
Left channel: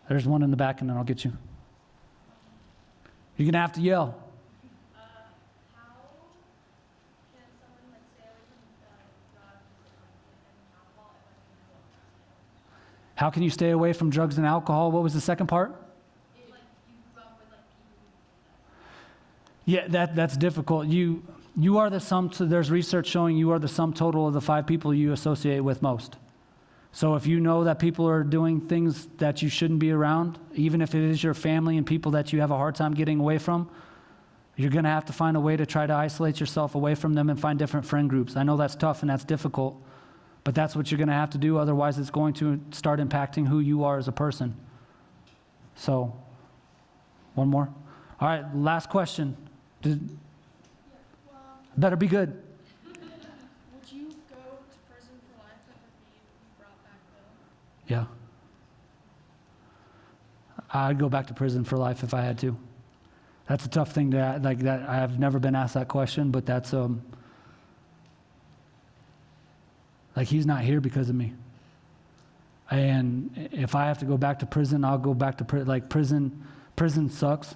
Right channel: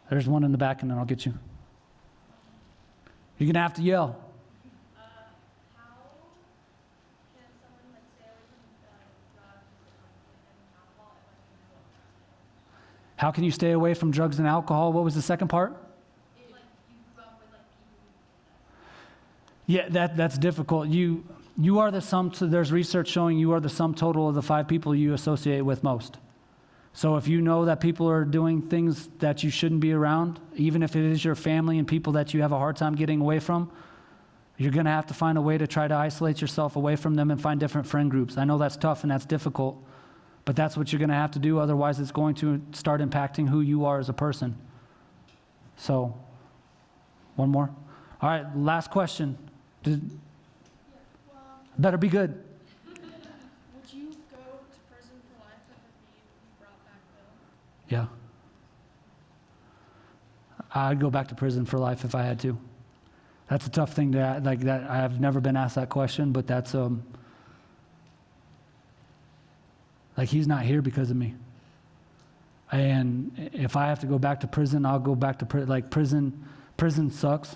There's one in the back, and then I'll get you. You're going to have to yell. How can someone, let's say, drugs and alcohol, How can you stay away from drugs and alcohol? What was the second part? if like you grew up with like people? Yeah, that's difficult. You are the sum. So there's research showing you are the sum total of the 5 people you associate with most. So if you know that people are doing things that you shouldn't be around, even if it is your family and people that you have a hard time getting away from, you're going to have to find a way to try to isolate yourself away from them and find different friend groups. I know that's tough and that's difficult, but that's what you're going to have to do. Otherwise, it's going to start impacting who you are as a person. So, one more. All right, last question. Better be good. Would you go to prison for life if you brought back the? Yeah. I'd go back to prison for life if I had to. That's a tough thing to like that. I've never been asked that question, but that's like he's not here because of me. And if I have to go back to prison, I'll go back to prison. Like prison sucks,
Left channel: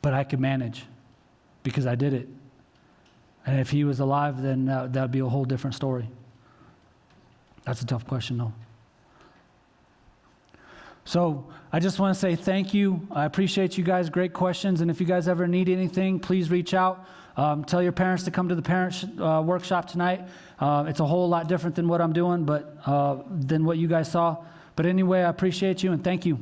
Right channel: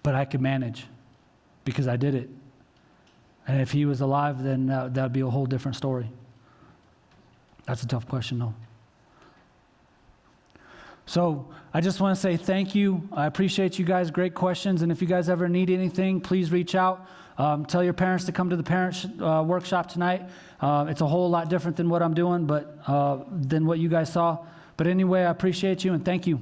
but I could manage because I did it. And if he was alive, then that would be a whole different story. That's a tough question, though. So I just want to say thank you. I appreciate you guys. Great questions. And if you guys ever need anything, please reach out. Tell your parents to come to the parent workshop tonight. It's a whole lot different than what I'm doing, but than what you guys saw. But anyway, I appreciate you and thank you.